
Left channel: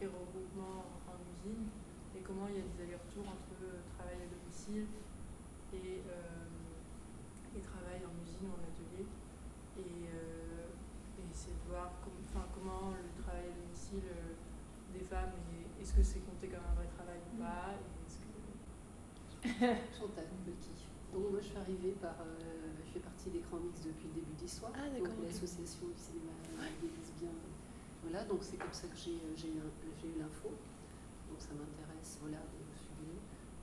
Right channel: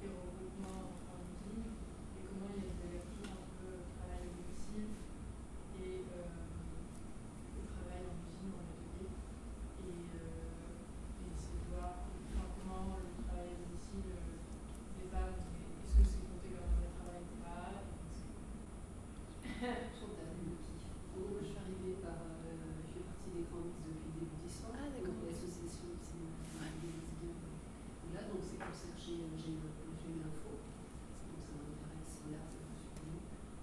et regroupement en usine, et comment il y a des allers-retours entre travail à domicile et travail en usine ou en atelier. Et c'est de voir comment le travail à domicile des femmes, est-ce que c'est compté comme un vrai travail ou pas, Chantal Lucky. Donc moi je suis arrivée je fais partie d'Écran Mix depuis le début d'Histoire, Ah, d'accord, donc ok. l'association du cinéma des lesbiens. Voilà, donc c'est comme ça que j'ai eu l'info. Donc ça m'intéresse, voilà, je suis venue.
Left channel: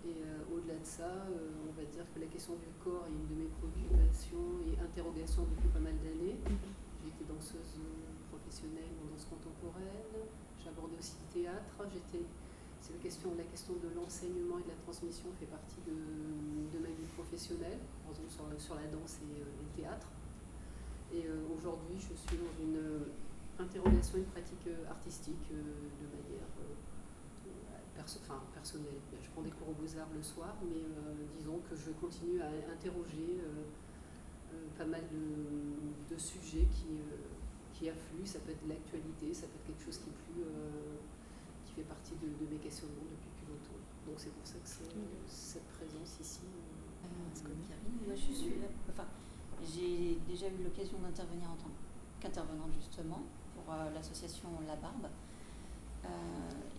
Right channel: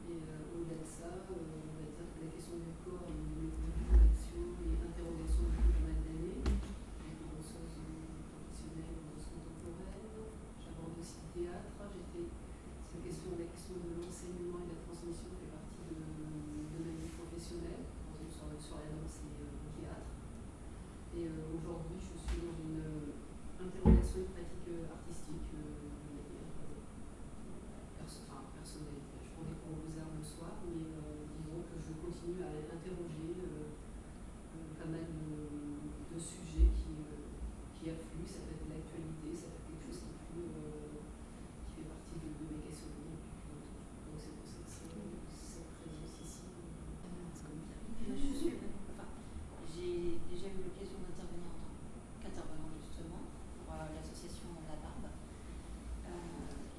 Et au-delà de ça, on va dire que la question du corps est une de mes préoccupations et interrogations depuis pas mal d'années. J'ai été danseuse professionnelle en danse contemporaine, j'abordais aussi le théâtre, c'est la question de l'enseignement et de la transmission fait partie de ma vie professionnelle. professionnelle, par exemple sur la danse et le théâtre. Et aujourd'hui, je suis dans une interrogation et pratique artistique de manière personnelle. Je prends des cours aux Beaux-Arts le soir, mais disons que je continue à interroger pas mal de sujets qui affluent. Ça peut être de l'actualité, ça peut être quelque chose qui fait partie de mes questionnements depuis plus longtemps. Donc c'est pour ça que cette présence ici. Moi, j'ai déjà eu l'occasion d'intervenir en tant qu'intervenante justement pour l'association La Barbe.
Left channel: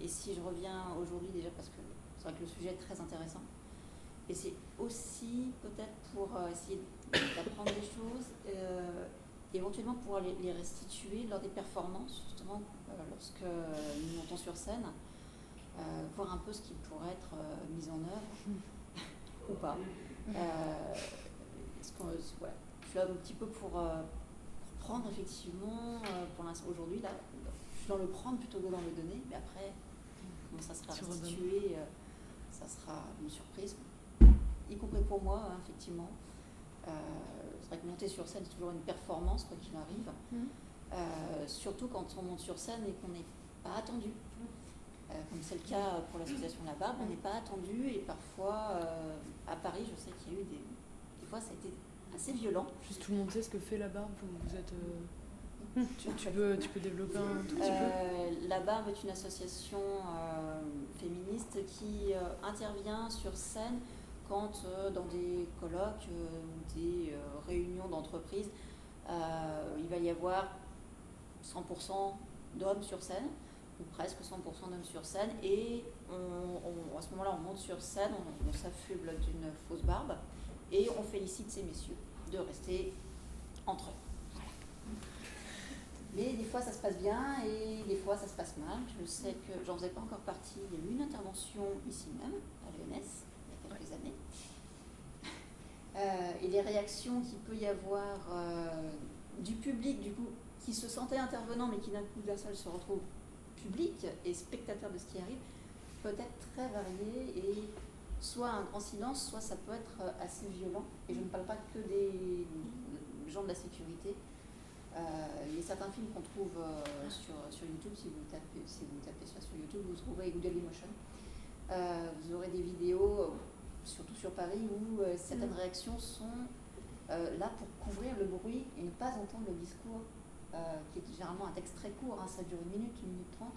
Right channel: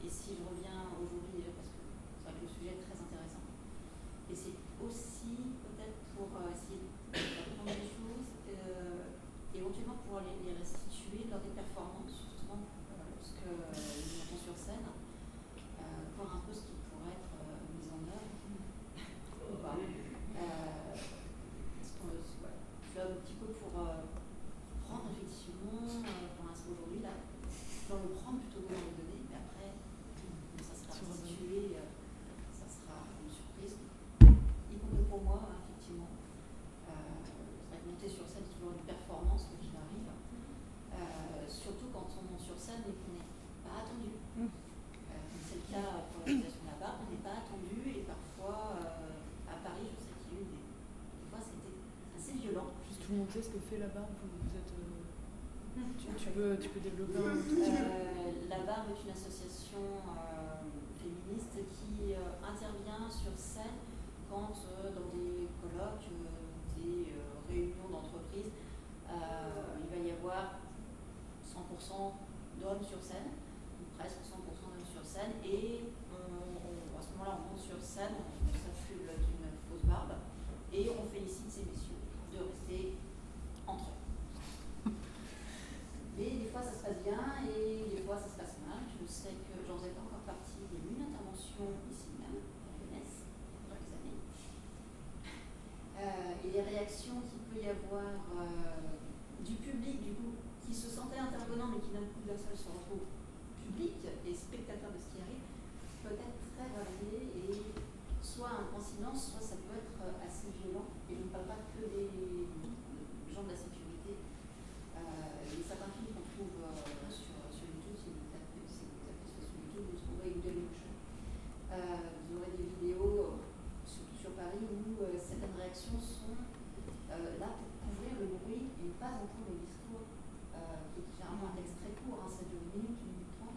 Et si je reviens aujourd'hui déjà parce que c'est vrai que le sujet est très intéressant, et c'est aussi peut-être pour essayer d'apprendre des choses, éventuellement pouvoir les restituer lors des performances justement lorsque nous montons sur scène, voir un peu ce qui pourrait être mis en œuvre ou pas. Je suis là un petit peu pour prendre effectivement, pour l'instant aujourd'hui, là, dans le prendre plutôt que dans le donner, mais après, quand ça sera restitué, ça sera une surprise, y compris pour moi, hein, effectivement. C'est vrai que monter sur scène, c'est toujours une performance, quoi qu'il arrive, surtout quand on monte sur scène et qu'on n'est pas attendu. Comme c'est le cas pour l'association La Barbe, on n'est pas attendu, et parfois, à Paris, je sais qu'il y a eu des fois, ça a été assez violent. Juste tout le monde sait ce que fait La Barbe, vous êtes... tu peux développer un tout petit peu. La Barbe est une association féministe qui intervient sur scène quand dans des colloques, des réunions d'entreprise, il va y avoir 100% d'hommes sur scène, ou presque 100% d'hommes sur scène, et à ce moment-là on monte sur scène, on s'affuble d'une fausse barbe, et on félicite ces messieurs de rester entre eux. Mais des fois ça se passe bien et des fois ça se passe mal. Je sais que j'en faisais pas encore partie. Il y a eu une intervention ici même, à l'ENS, il y a quelques années. Et les réactions qu'il peut y avoir du public, du coup, qui se sentait intervenant mais qui d'un coup d'un seul se retrouve public et spectateur de ce qui arrive, peut être très varié et soit un grand silence, soit ça peut être assez violent. Et je ne parle pas que des gens de la sécurité. Il y a certains films qu'on trouve sur YouTube, si vous tapez ça sur YouTube, vous trouverez Good Emotion. Vous aurez des vidéos, surtout sur Paris, où certaines réactions sont là pour couvrir le bruit et ne pas entendre le discours, qui est généralement un texte très court, hein, ça dure 1 minute 30,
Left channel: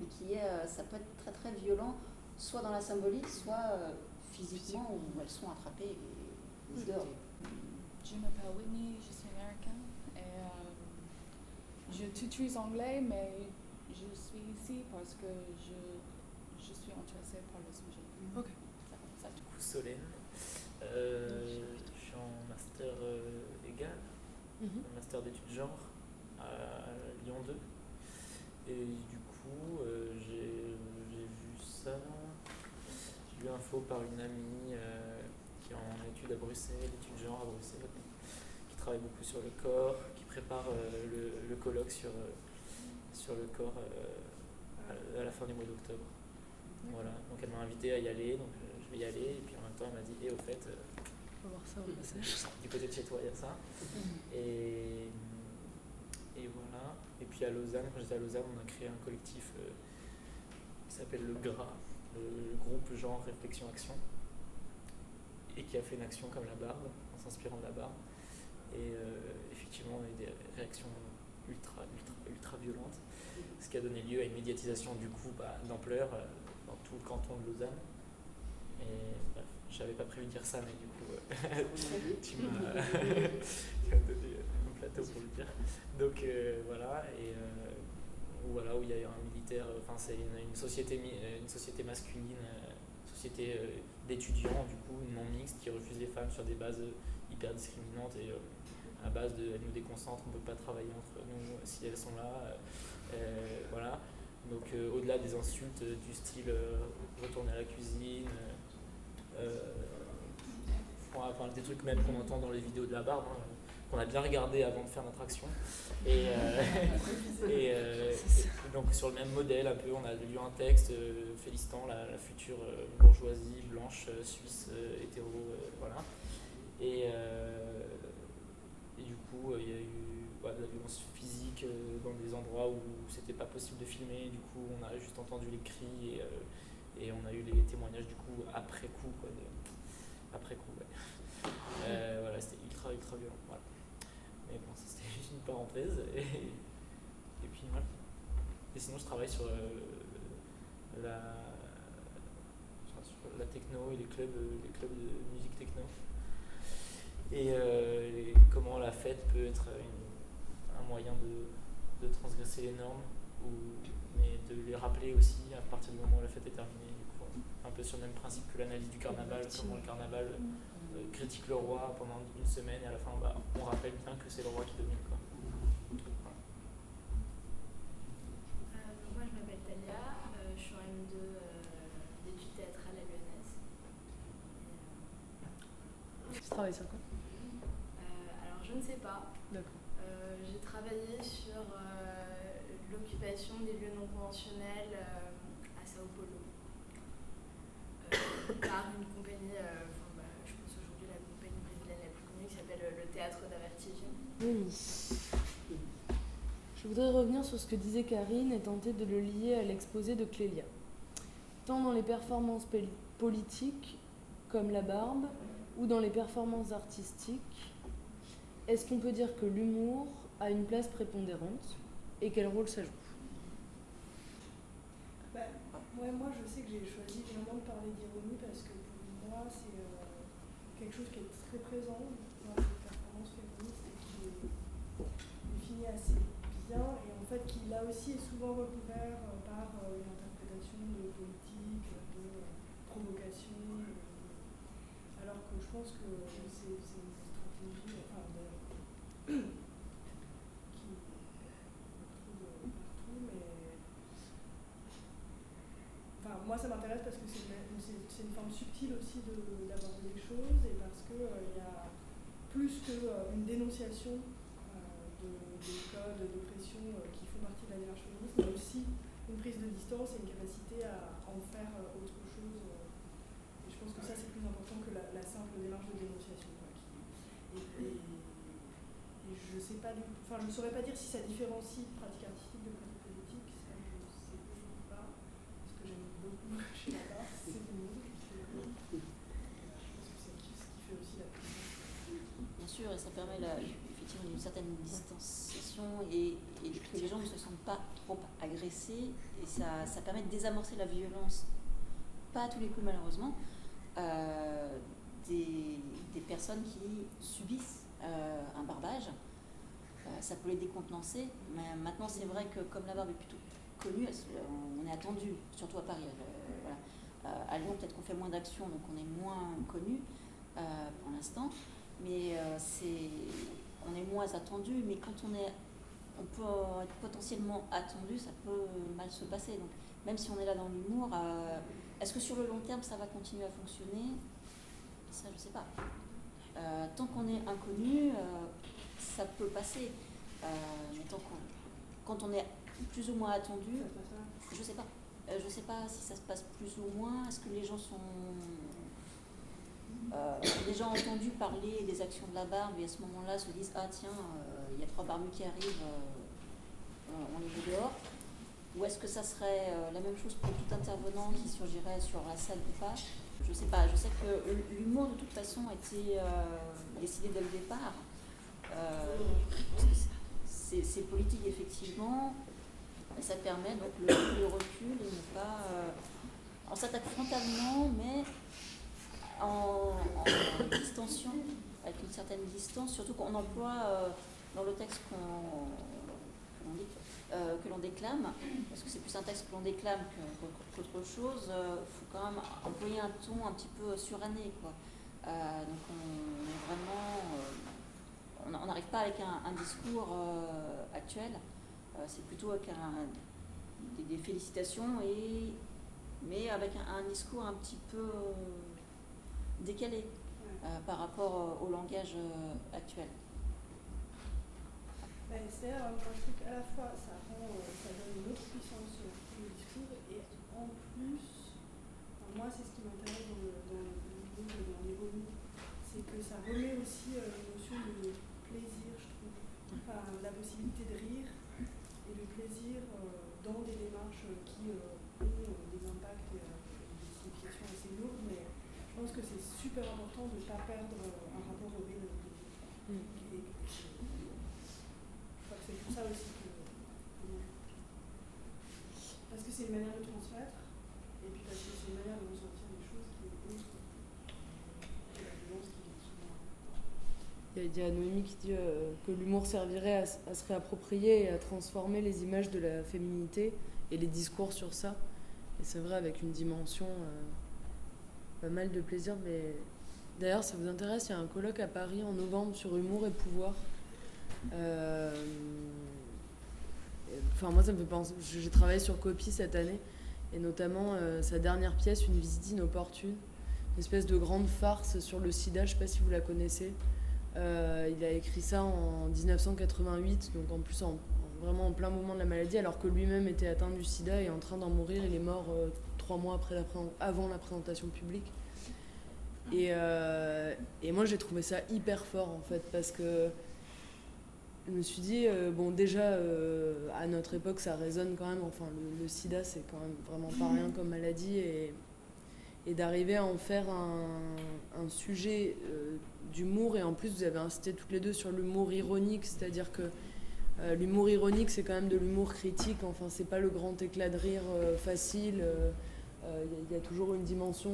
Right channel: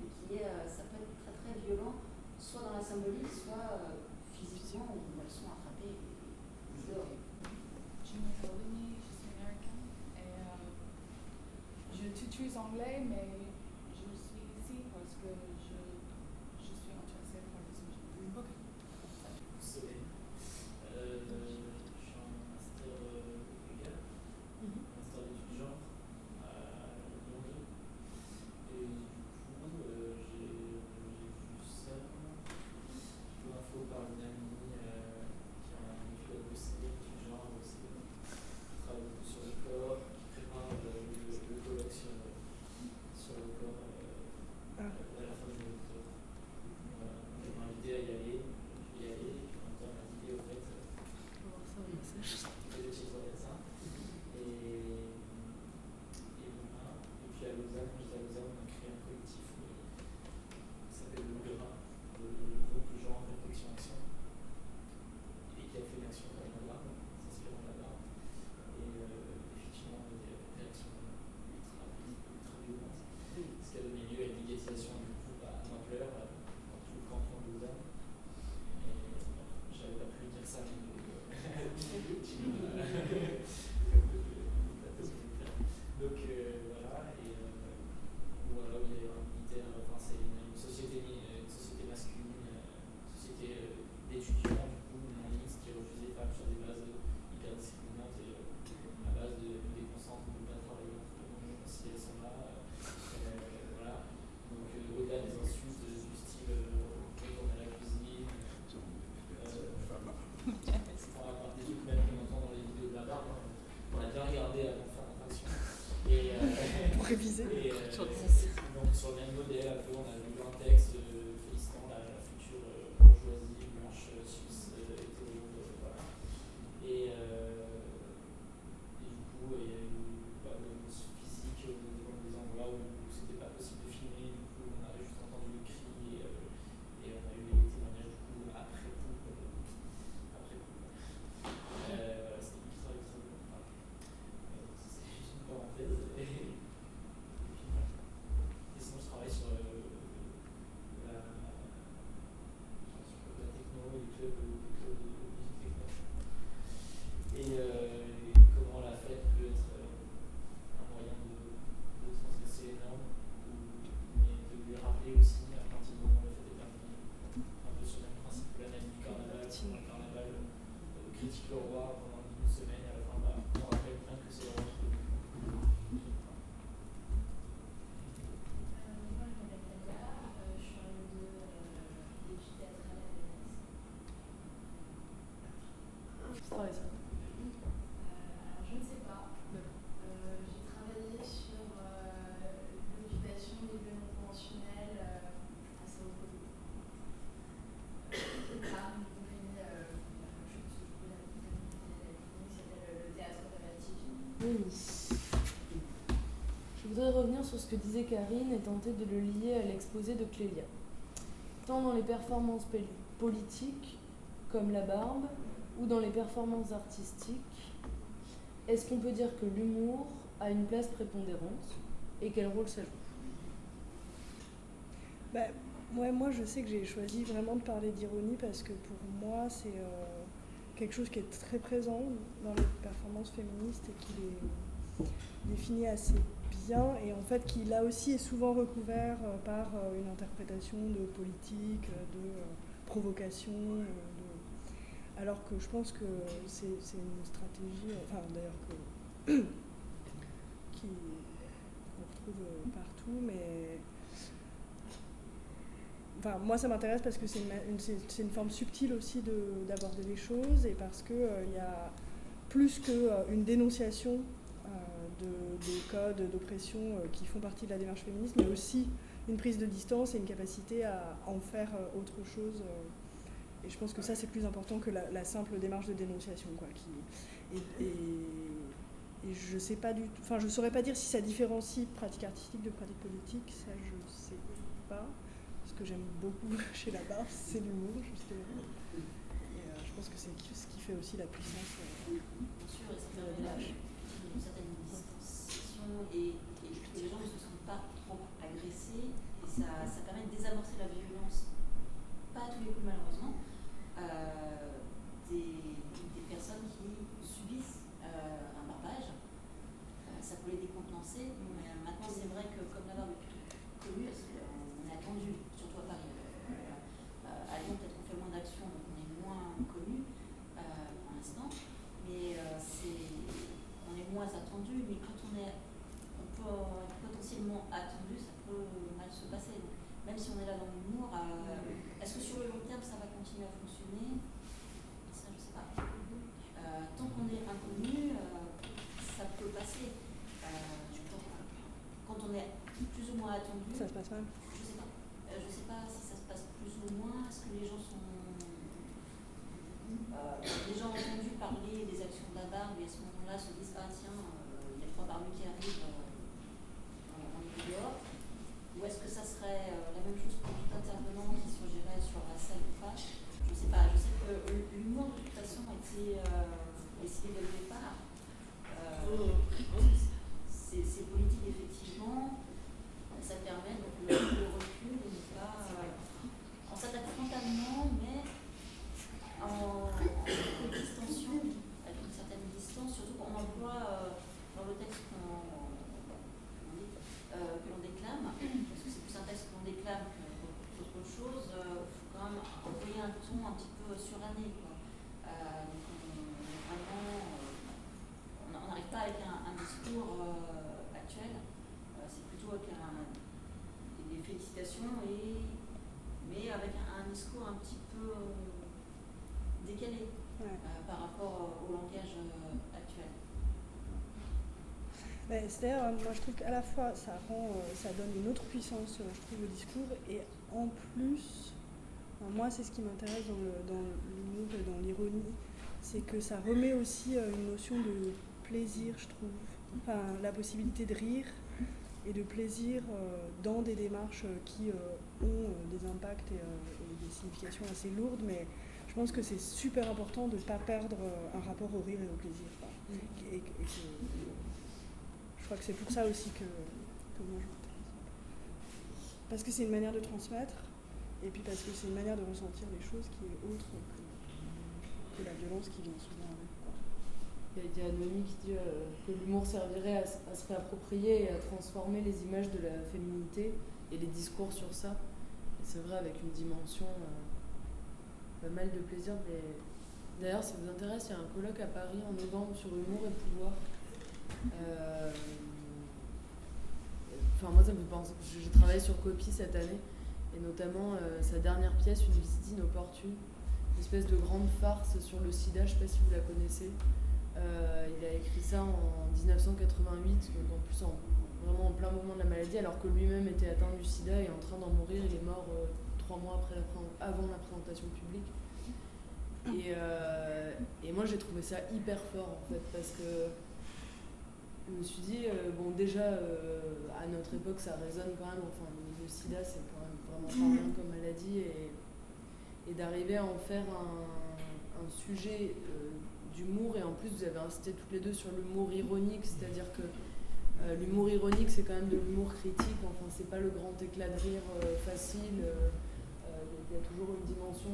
mais qui est, ça peut être très très violent, soit dans la symbolique, soit physiquement, où elles sont attrapées et dehors. Je m'appelle Whitney, je suis américaine et je tutoie anglais, mais je suis ici parce que je suis intéressée par le sujet. Ok. Solène. Je suis en master égal, master d'études genre à Lyon 2. Et du coup, j'ai vu ça. J'ai eu info par une amie qui est en études à Bruxelles, études genre à Bruxelles, qui travaille beaucoup sur le corps, qui prépare le colloque sur le corps à la fin du mois d'octobre. Voilà, donc elle m'a invité à y aller, donc je vais y aller, et puis en même temps elle m'a dit, au fait, On va voir ça, du côté de chez toi il y a ça. Et voilà. Et puis à Lausanne, quand j'étais à Lausanne, on a créé un collectif qui s'appelle le GRA, le groupe genre réflexion action, et qui a fait une action comme La Barbe, en s'inspirant de La Barbe. Et effectivement, on a eu des réactions ultra violentes, ce qui a donné lieu à une médiatisation du coup d'ampleur dans tout le canton de Lausanne. Et bref, je n'avais pas prévu de dire ça, mais du coup, tu m'as donné mon plateau pour le dire. Donc voilà, et voilà, où il y a eu un militaire, enfin c'est une société masculine, une société d'étudiants du coup non mixte qui refuse les femmes sur des bases hyper discriminantes et à base de elles nous déconcentrent, on ne peut pas travailler entre nous si elles sont là. Voilà. Donc au-delà des insultes du style retourner à la cuisine, enfin, des trucs même qu'on entend dans les vidéos de La Barbe, hein, qu'on a bien regardé avant de faire notre action. Et donc sur le même modèle un peu, on a lu un texte félicitant la future bourgeoisie blanche suisse hétéro Et du coup, il y a eu de la violence physique dans des endroits où c'était pas possible de filmer. Du coup, on a juste entendu les cris et on a eu les témoignages du coup après coup. Voilà, c'était ultra violent. Voilà. Mais bon, ça, c'était juste une parenthèse. Et puis voilà. Et sinon, je travaille sur la techno et les clubs de musique techno. Et comment la fête peut être un moyen de transgresser les normes, mais de les rappeler aussi à partir du moment où la fête est terminée. Un peu sur le même principe que l'analyse du carnaval, comment le carnaval critique le roi pendant une semaine et à la fin on rappelle bien que c'est le roi qui domine. Moi je m'appelle Talia, je suis en M2 d'études théâtrales à l'ENS. Tu travailles sur quoi? Alors je ne sais pas. D'accord. J'ai travaillé sur l'occupation des lieux non conventionnels à Sao Paulo par une compagnie, je pense aujourd'hui la compagnie brésilienne la plus connue qui s'appelle le Théâtre da Vertigem. Oui. Je voudrais revenir sur ce que disait Karine et tenter de le lier à l'exposé de Clélia. Tant dans les performances politiques, comme la barbe, ou dans les performances artistiques, est-ce qu'on peut dire que l'humour a une place prépondérante et quel rôle ça joue? Moi, je sais que j'ai choisi vraiment de parler d'ironie parce que pour moi, c'est quelque chose qui est très présent dans les performances féministes et qui les définit assez bien et en fait qui là aussi est souvent recouvert par une interprétation de politique, de provocation, alors que je pense que c'est une stratégie, enfin d'ailleurs qu'on retrouve partout, mais enfin, moi ça m'intéresse parce que c'est une forme subtile aussi d'aborder les choses et parce qu'il y a plus qu'une dénonciation des codes d'oppression qui font partie de la démarche féministe, mais aussi une prise de distance et une capacité à en faire autre chose. Et je pense que ça c'est plus important que la simple démarche de dénonciation, quoi, et je sais pas enfin je saurais pas dire si ça différencie pratique artistique de pratique politique, ça je sais pas. Ce que j'aime beaucoup chez la barbe, c'est l'humour justement. Et je pense que c'est ce qui fait aussi la puissance. Bien sûr, et ça permet effectivement une certaine distanciation et que les gens ne se sentent pas trop agressés et ça permet de désamorcer la violence, pas à tous les coups malheureusement, des personnes qui subissent un barbage. Ça peut les décontenancer, mais maintenant c'est vrai que comme la barbe est plutôt connue, on est attendu, surtout à Paris. Voilà. À Lyon peut-être qu'on fait moins d'actions, donc on est moins connu pour l'instant, mais on est moins attendu, mais quand on peut être potentiellement attendu, ça peut mal se passer. Donc, même si on est là dans l'humour, est-ce que sur le long terme ça va continuer à fonctionner? Ça, je sais pas. Tant qu'on est inconnu, ça peut passer. Mais quand on est plus ou moins attendu, ça se passe mal. Je sais pas. Je sais pas si ça se passe plus ou moins. Est-ce que les gens sont déjà entendus parler des actions de la barbe et à ce moment-là se disent ah tiens, il y a 3 barbus qui arrivent, on les met dehors. Ou est-ce que ça serait la même chose pour tout intervenant qui surgirait sur la scène ou pas? Je sais pas. Je sais que l'humour de toute façon a été décidé dès le départ. C'est politique effectivement. Ça permet donc le recul et ne pas. On s'attaque frontalement, mais en distension, avec une certaine distance, surtout qu'on emploie dans le texte que l'on déclame, parce que c'est plus un texte que l'on déclame qu'autre chose, il faut quand même employer un ton un petit peu suranné, quoi. Donc on est vraiment, on n'arrive pas avec un discours actuel, c'est plutôt avec des félicitations, mais avec un discours un petit peu décalé par rapport au langage actuel. C'est-à-dire, moi je trouve qu'à la fois ça donne une autre puissance, je trouve, au discours, et en plus, moi c'est ce qui m'intéresse dans l'humour et dans l'ironie, c'est que ça remet aussi une notion de plaisir, je trouve. Enfin, la possibilité de rire et de plaisir dans des démarches qui ont des impacts et des significations assez lourdes, mais je pense que c'est super important de ne pas perdre un rapport au rire et au plaisir. Je crois que c'est pour ça aussi que moi je m'intéresse. Parce que c'est une manière de transmettre, et puis parce que c'est une manière de ressentir les choses qui est autre que la violence qui vient souvent avec. Il y a Noémie qui dit que l'humour servirait à se réapproprier et à transformer les images de la féminité et les discours sur ça. Et c'est vrai, avec une dimension pas mal de plaisir. Mais d'ailleurs, ça vous intéresse, il y a un colloque à Paris en novembre sur humour et pouvoir. Enfin, moi, ça me fait penser. J'ai travaillé sur Copy cette année, et notamment sa dernière pièce, Une visite inopportune, une espèce de grande farce sur le sida. Je ne sais pas si vous la connaissez. Il a écrit ça en 1988, donc en plus vraiment en plein moment de la maladie, alors que lui-même était atteint du sida et en train d'en mourir. Il est mort 3 mois avant la présentation publique. Et moi, j'ai trouvé ça hyper fort, en fait, parce que je me suis dit, bon, déjà, à notre époque, ça résonne quand même. Enfin, le sida, c'est quand même vraiment pas rien comme maladie. Et d'arriver à en faire un sujet d'humour. Et en plus, vous avez insisté toutes les deux sur l'humour ironique, c'est-à-dire que l'humour ironique, c'est quand même de l'humour critique. Enfin, c'est pas le grand éclat de rire facile. Il y a toujours une dimension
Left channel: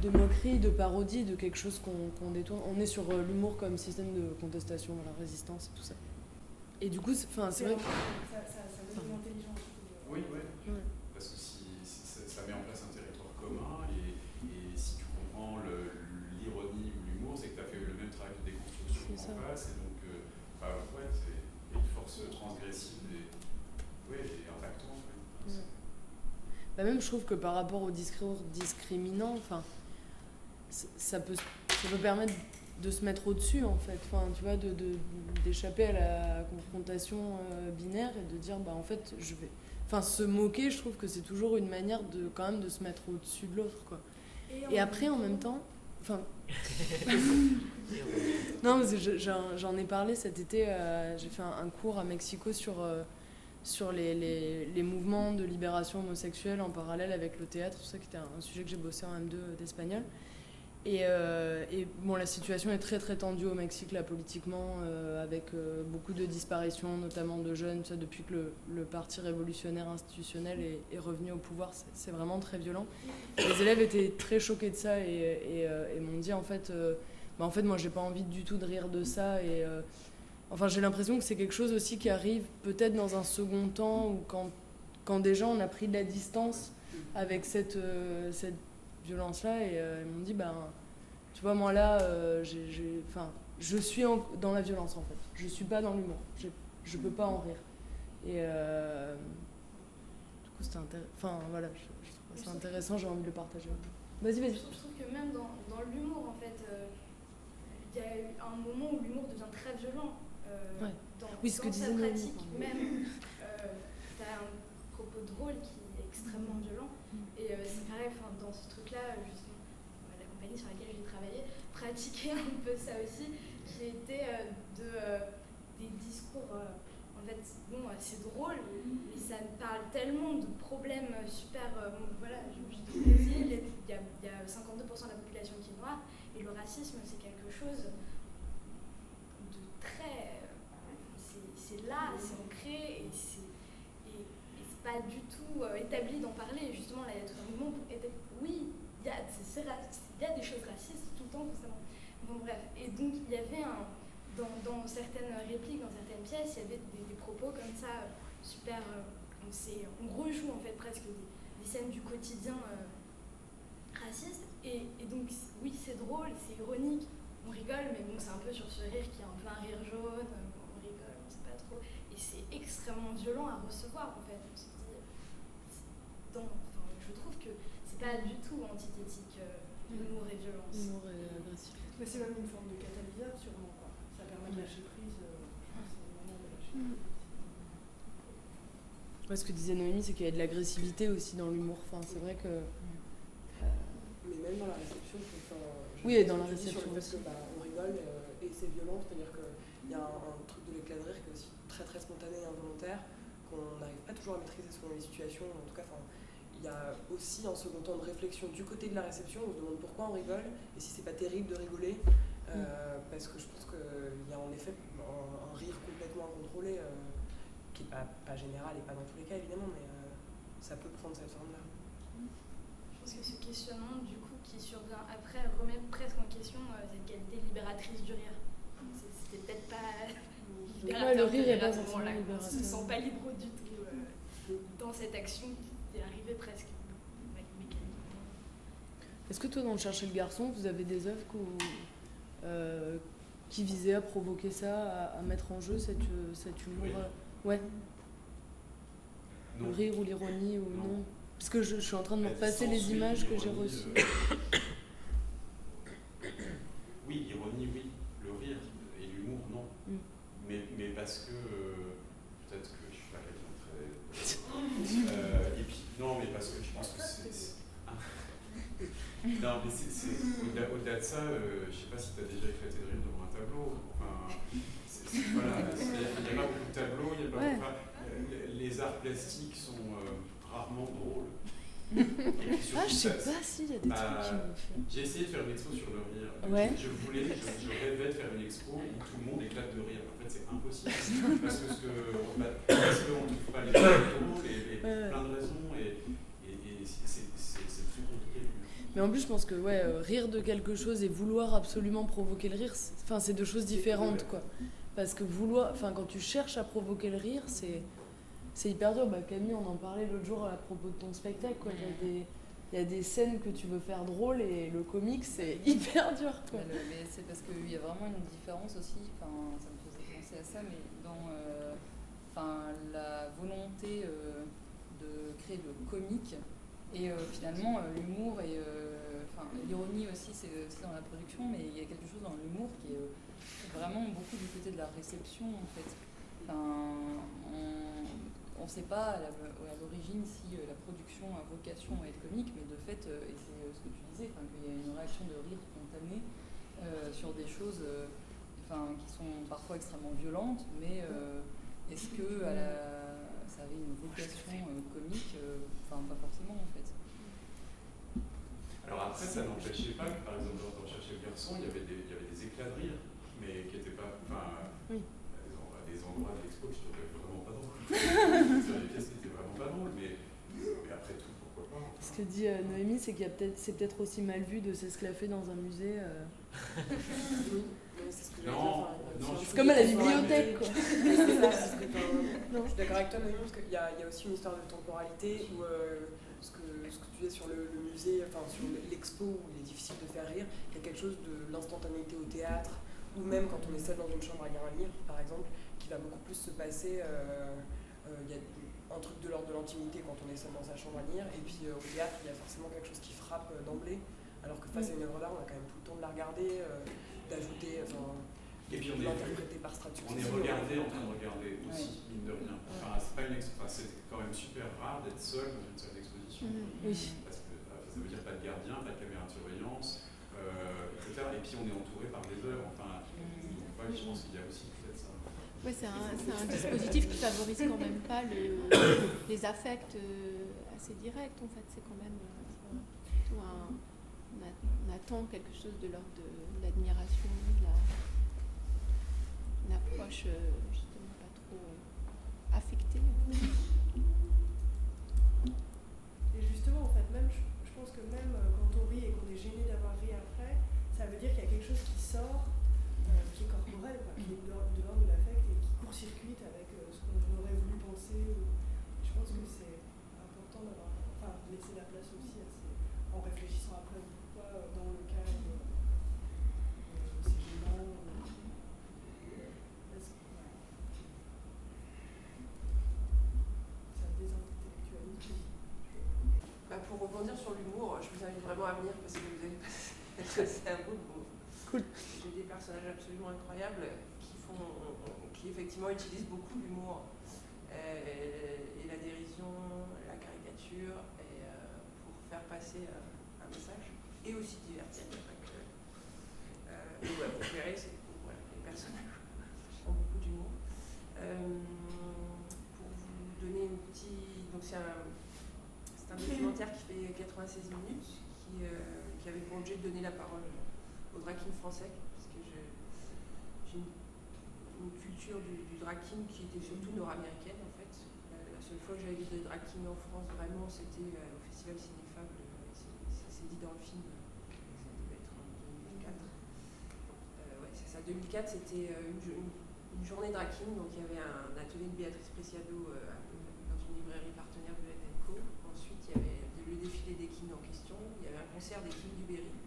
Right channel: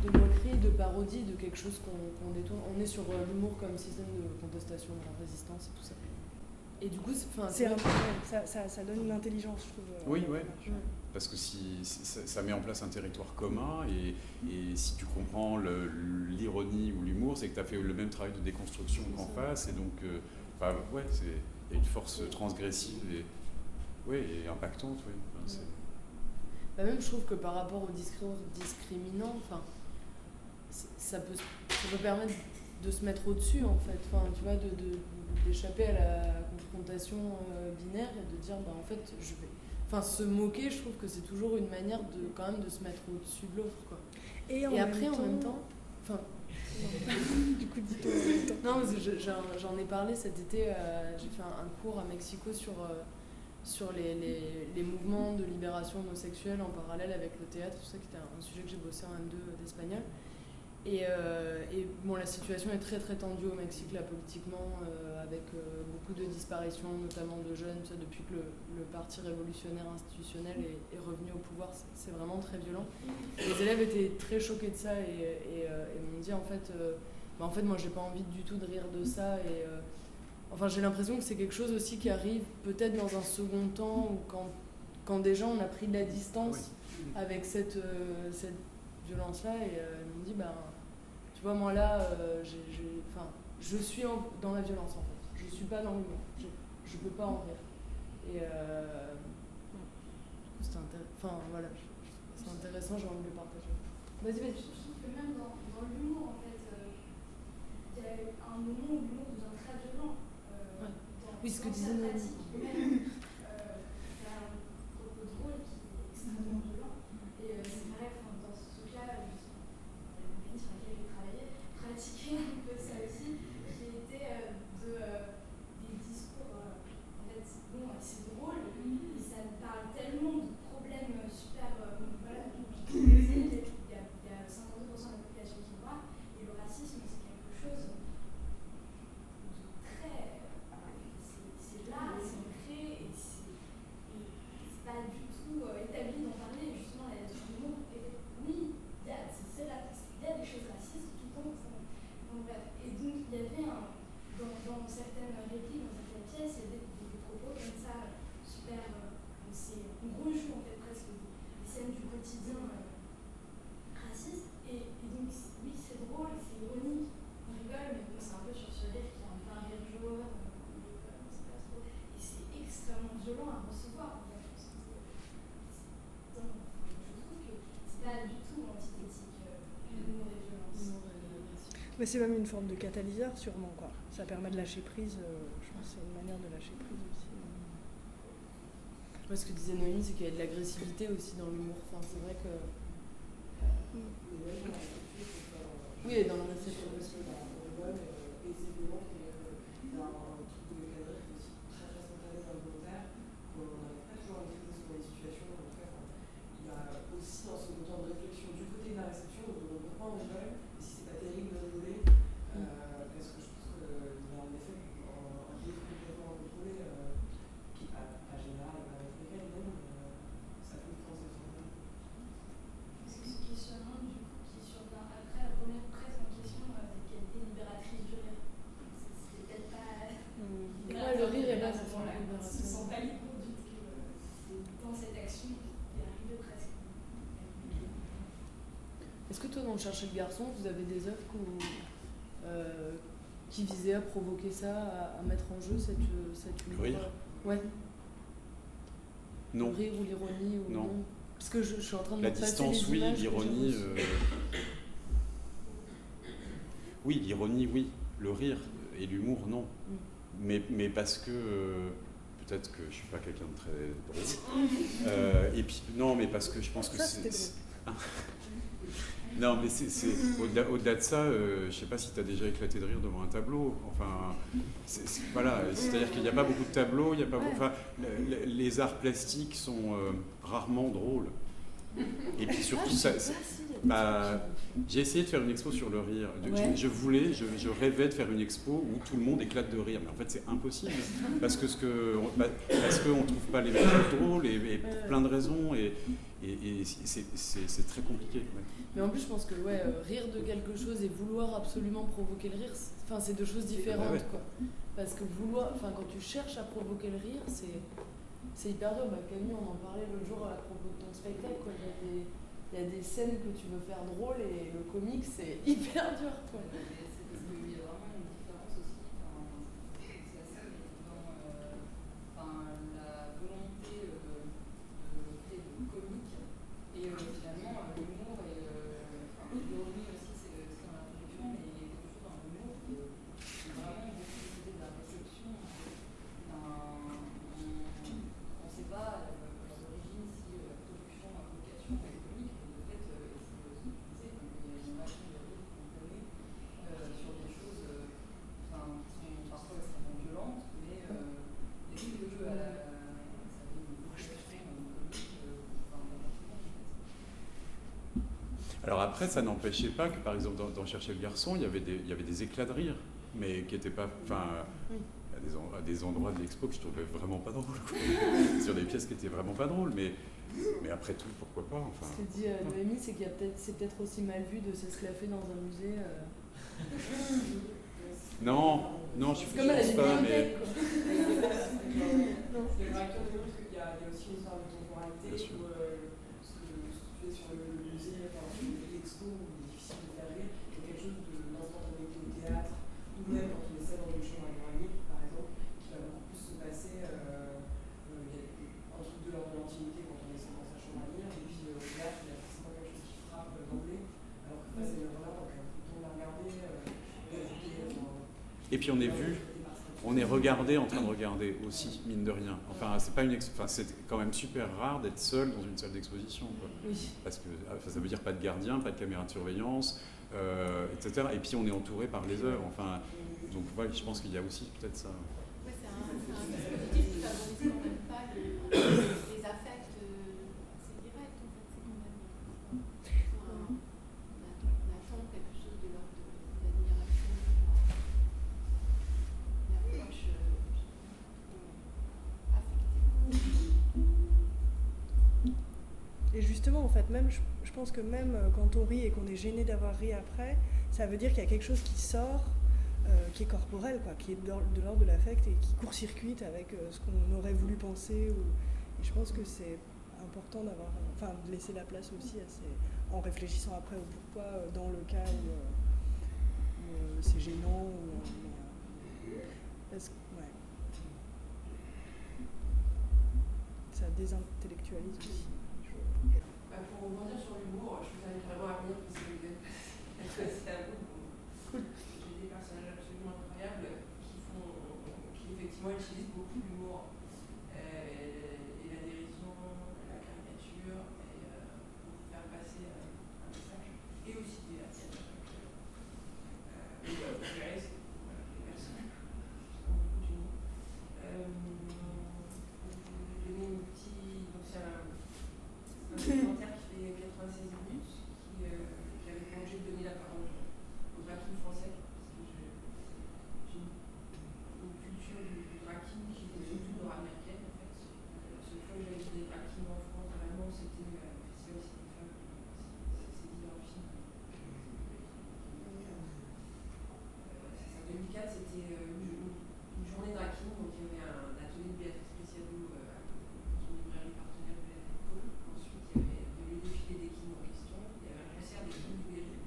de moquerie, de parodie, de quelque chose qu'on détourne. On est sur l'humour comme système de contestation, la résistance et tout ça. Et du coup, ça donne une intelligence, je trouve. Oui, ouais. Parce que ça met en place un territoire commun, et si tu comprends l'ironie ou l'humour, c'est que tu as fait le même travail de déconstruction qu'en face, et donc il y a une force transgressive et impactante. Ouais. Même je trouve que par rapport au discours discriminant, ça peut permettre de se mettre au-dessus, en fait, tu vois, d'échapper à la confrontation binaire et de dire, en fait, se moquer, je trouve que c'est toujours une manière quand même de se mettre au-dessus de l'autre, quoi. Et après, en même temps, non, mais j'en ai parlé cet été, j'ai fait un cours à Mexico sur les mouvements de libération homosexuelle en parallèle avec le théâtre, tout ça, qui était un sujet que j'ai bossé en M2 d'espagnol. Et bon, la situation est très très tendue au Mexique, là, politiquement, avec beaucoup de disparitions, notamment de jeunes, ça, depuis que le parti révolutionnaire institutionnel est revenu au pouvoir. C'est vraiment très violent. Les élèves étaient très choqués de ça et m'ont dit, en fait, moi, j'ai pas envie du tout de rire de ça. Et j'ai l'impression que c'est quelque chose aussi qui arrive peut-être dans un second temps, ou quand déjà on a pris de la distance avec cette violence-là, et ils m'ont dit, tu vois, moi là, je suis dans la violence, en fait. Je suis pas dans l'humour. Je peux pas en rire. Et du coup, c'était intéressant, j'ai envie de le partager. Vas-y. Je trouve que même dans l'humour, en fait, il y a eu un moment où l'humour devient très violent. Oui, ce que disait sa pratique, même, tu as un propos drôle qui est extrêmement violent. Et c'est pareil, dans ce truc-là, la compagnie sur laquelle j'ai travaillé pratiquait un peu ça aussi, qui était des discours, en fait, c'est drôle, et ça parle tellement de problèmes super, du Brésil, et puis il y a 52% de la population qui est noire, et le racisme, c'est quelque chose de très... c'est là, c'est ancré, et c'est pas du tout établi d'en parler. Justement, la lettre du monde était... Oui, il y a des choses racistes tout le temps, constamment. Bon, bref. Et donc, il y avait dans certaines répliques, dans certaines pièces, il y avait des propos comme ça, super... on rejoue, en fait, presque des scènes du quotidien racistes. Et donc, oui, c'est drôle, c'est ironique, on rigole, mais bon, c'est un peu sur ce rire qui est un peu un rire jaune, on rigole, on sait pas trop. Et c'est extrêmement violent à recevoir, en fait. Je trouve que c'est pas du tout antithétique, l'humour et violence. Mais c'est même une forme de catalyseur, sûrement, quoi. Ça permet de lâcher prise, je pense que c'est une manière de lâcher prise aussi. Ce que disait Noémie, c'est qu'il y a de l'agressivité aussi dans l'humour. C'est vrai que Mais même dans la réception, Oui, et dans la réception aussi. On rigole et c'est violent, c'est-à-dire qu'il y a un truc de l'éclat de rire qui est aussi très très spontané et involontaire, qu'on n'arrive pas toujours à maîtriser selon les situations. En tout cas, il y a aussi un second temps de réflexion du côté de la réception. On se demande pourquoi on rigole et si c'est pas terrible de rigoler, parce que je pense qu'il y a en effet un rire complètement incontrôlé, qui n'est pas général et pas dans tous les cas évidemment, mais ça peut prendre cette forme-là. Je pense que ce questionnement, du coup, qui survient après, remet presque en question cette qualité libératrice du rire. C'était peut-être pas. Le rire est pas forcément libérateur. Ils ne sont pas libres du tout dans cette action qui est arrivée presque. Est-ce que toi, dans le Chercher le garçon, vous avez des œuvres qui visaient à provoquer ça, à mettre en jeu cet humour? Rire. Ouais. Non. Le rire ou l'ironie ou non. Parce que je suis en train de me repasser les oui, images que j'ai l'ironie, reçues. Oui, l'ironie, oui. Le rire et l'humour, non. Mais parce que peut-être que je suis pas quelqu'un de très drôle. Et puis non, mais parce que je pense que c'est non, mais c'est au-delà de ça. Je sais pas si tu as déjà éclaté de rire devant un tableau. Enfin, voilà, c'est-à-dire qu'il n'y a pas beaucoup de tableaux. Il y a pas enfin, les arts plastiques sont rarement drôles. Et puis surtout, j'ai essayé de faire une expo sur le rire. Je rêvais de faire une expo où tout le monde éclate de rire. Mais en fait, c'est impossible parce qu'on ne trouve pas les trucs drôles et pour plein de raisons. Et c'est très compliqué. Mais en plus, je pense que rire de quelque chose et vouloir absolument provoquer le rire, c'est deux choses différentes, quoi. Parce que quand tu cherches à provoquer le rire, c'est hyper dur. Camille, on en parlait l'autre jour à propos de ton spectacle, quoi. Il y a des scènes que tu veux faire drôles et le comique, c'est hyper dur, quoi. Mais c'est parce qu'il y a vraiment une différence aussi, ça me faisait penser à ça, mais dans la volonté de créer le comique et finalement l'humour et l'ironie aussi, c'est dans la production, mais il y a quelque chose dans l'humour qui est vraiment beaucoup du côté de la réception, en fait. On ne sait pas à l'origine si la production a vocation à être comique, mais de fait, et c'est ce que tu disais, qu'il y a une réaction de rire spontanée sur des choses qui sont parfois extrêmement violentes, mais est-ce que ça avait une vocation comique? Pas forcément, en fait. Alors après, ça n'empêchait pas que, par exemple, dans Chercher le garçon, il y avait des éclats de rire, mais qui n'étaient pas... à des endroits de l'expo que je trouvais vraiment pas drôles. Sur des pièces qui étaient vraiment pas drôles, mais après tout, pourquoi pas. Ce que dit Noémie, c'est c'est peut-être aussi mal vu de s'esclaffer dans un musée. Non, c'est comme à la bibliothèque, quoi. Je suis d'accord avec toi, Noémie, parce qu'il y a aussi une histoire de temporalité où ce que tu disais sur le musée, sur l'expo où il est difficile de faire rire, il y a quelque chose de l'instantanéité au théâtre, ou même quand on est seul dans une chambre à lire un livre, par exemple, qui va beaucoup plus se passer. Il y a un truc de l'ordre de l'intimité quand on est seul dans sa chambre à lire, et puis au théâtre, il y a forcément quelque chose qui frappe d'emblée, alors que face à une œuvre-là, on a quand même tout le temps de la regarder, d'ajouter. Et puis on est regardé en train de regarder aussi, mine de rien. C'est quand même super rare d'être seul dans une salle d'exposition. Oui. Parce que ça veut dire pas de gardien, pas de caméra de surveillance. Etc. Et puis on est entouré par les œuvres. Donc je pense qu'il y a aussi peut-être ça. Oui, c'est un dispositif qui favorise quand même pas les affects assez directs. En fait, c'est quand même on attend quelque chose de l'ordre de l'admiration, une approche justement pas trop affectée. Et justement, en fait, même je pense que même quand on rit et qu'on est gêné d'avoir ri après, ça veut dire qu'il y a quelque chose qui sort, qui est corporel, quoi, qui est de l'ordre de l'affect et qui court-circuite avec ce qu'on aurait voulu penser. Et je pense que c'est important de laisser la place aussi en réfléchissant après au pourquoi dans le cas où c'est gênant. Ça désintellectualise aussi. Pour rebondir sur l'humour, je vous invite vraiment à venir parce que vous êtes assez à vous. Cool. J'ai des personnages absolument incroyables qui effectivement utilisent beaucoup l'humour et la dérision, la caricature pour faire passer un message et aussi divertir. Vous verrez, c'est les personnages ont beaucoup d'humour. Pour vous donner une petite... Donc c'est un documentaire qui fait 96 minutes, qui avait pour objet de donner la parole au drag king français, parce que j'ai une culture du drag king qui était surtout nord-américaine en fait. La seule fois que j'avais vu des drag kings en France vraiment c'était au Festival Cinéfab, c'est dit dans le film, ça devait être en 2004. 2004 c'était une journée drag king, donc il y avait un atelier de Béatrice Preciado dans une librairie partenaire de l'NNCO. Ensuite il y avait le défilé des kings en question, il y avait un concert des kings du Berry.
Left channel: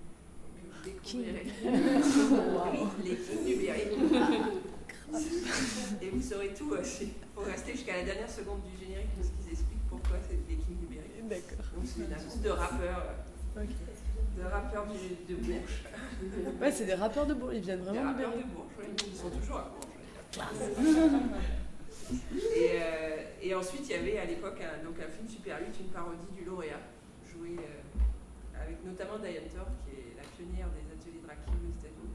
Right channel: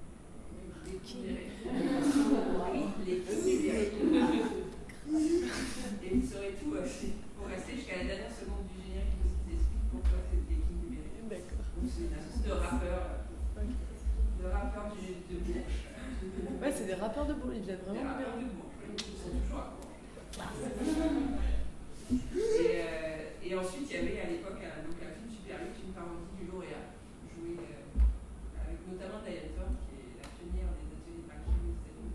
Oui, les kings du Berry. Et vous saurez tout, il faut rester jusqu'à la dernière seconde du générique parce qu'ils expliquent pourquoi c'est des kings du Berry. D'accord. Donc c'est une espèce de rappeur, de Bourges. Ouais, c'est des rappeurs de Bourges, ils viennent vraiment des de rappeurs Bourges. de Bourges, oui, ils sont toujours à Bourges. Et ensuite il y avait à l'époque un film Super 8, une parodie du lauréat, joué avec notamment Diane Thorne, qui est la pionnière des ateliers drag king aux États-Unis,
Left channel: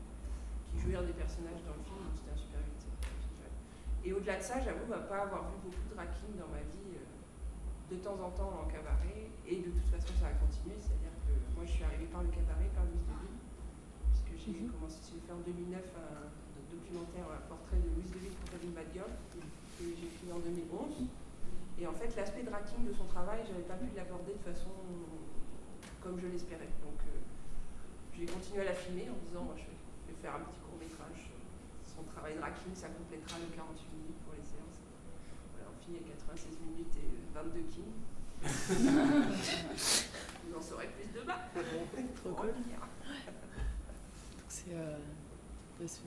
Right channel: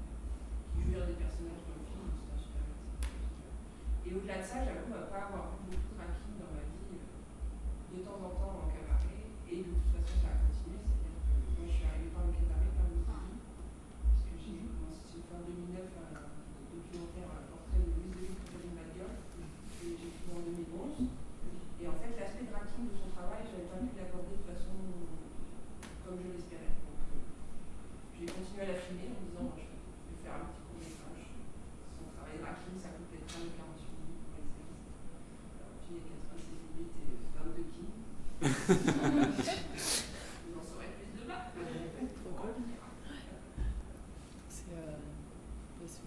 qui jouait un des personnages dans le film, donc c'était un Super 8. Et au-delà de ça, j'avoue pas avoir vu beaucoup de drag king dans ma vie, de temps en temps en cabaret, et de toute façon ça a continué, c'est-à-dire que moi je suis arrivée par le cabaret, par Louise Deville, puisque j'ai commencé à faire en 2009 un documentaire, un portrait de Louise Deville pour Catherine Bad Girl, que j'ai fini en 2011. Et en fait, l'aspect drag king de son travail, je n'avais pas pu l'aborder de façon comme je l'espérais. Donc j'ai continué à la filmer en disant je vais faire un petit court-métrage. Son travail drag king, ça complétera le 48 minutes pour les séances. Alors, on finit à 86 minutes et 22 kings. Vous en saurez plus demain. Trop cool.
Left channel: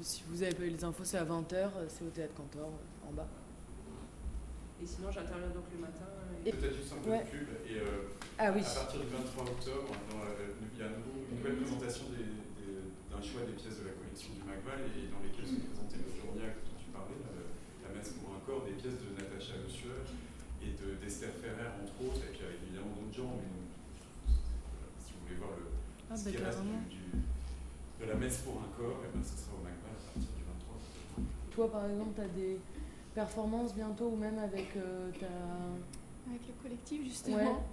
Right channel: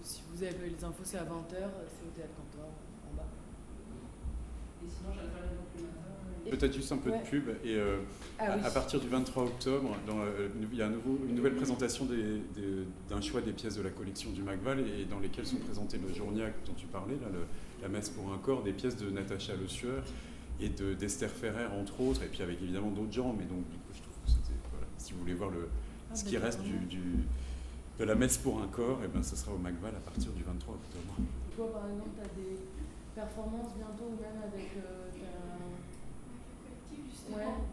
Si vous avez pas eu les infos, c'est à 20h, c'est au Théâtre Cantor, en bas. Et sinon, j'interviens donc le matin. Peut-être juste un peu de pub. Et à partir du 23 octobre, il y a une nouvelle présentation d'un choix des pièces de la collection du Macval et dans lesquelles sont présentées le Journiac dont tu parlais, là, la messe pour un corps, des pièces de Natacha Le Sueur et d'Esther Ferrer, entre autres, et puis avec évidemment d'autres gens. Mais donc, du coup, je trouve que c'était, voilà, si vous voulez voir ce qui reste de la messe pour un corps, et ben, ce sera au Macval à partir du 23 octobre. Toi, par exemple, tu as des performances bientôt, ou même avec Avec le collectif, justement.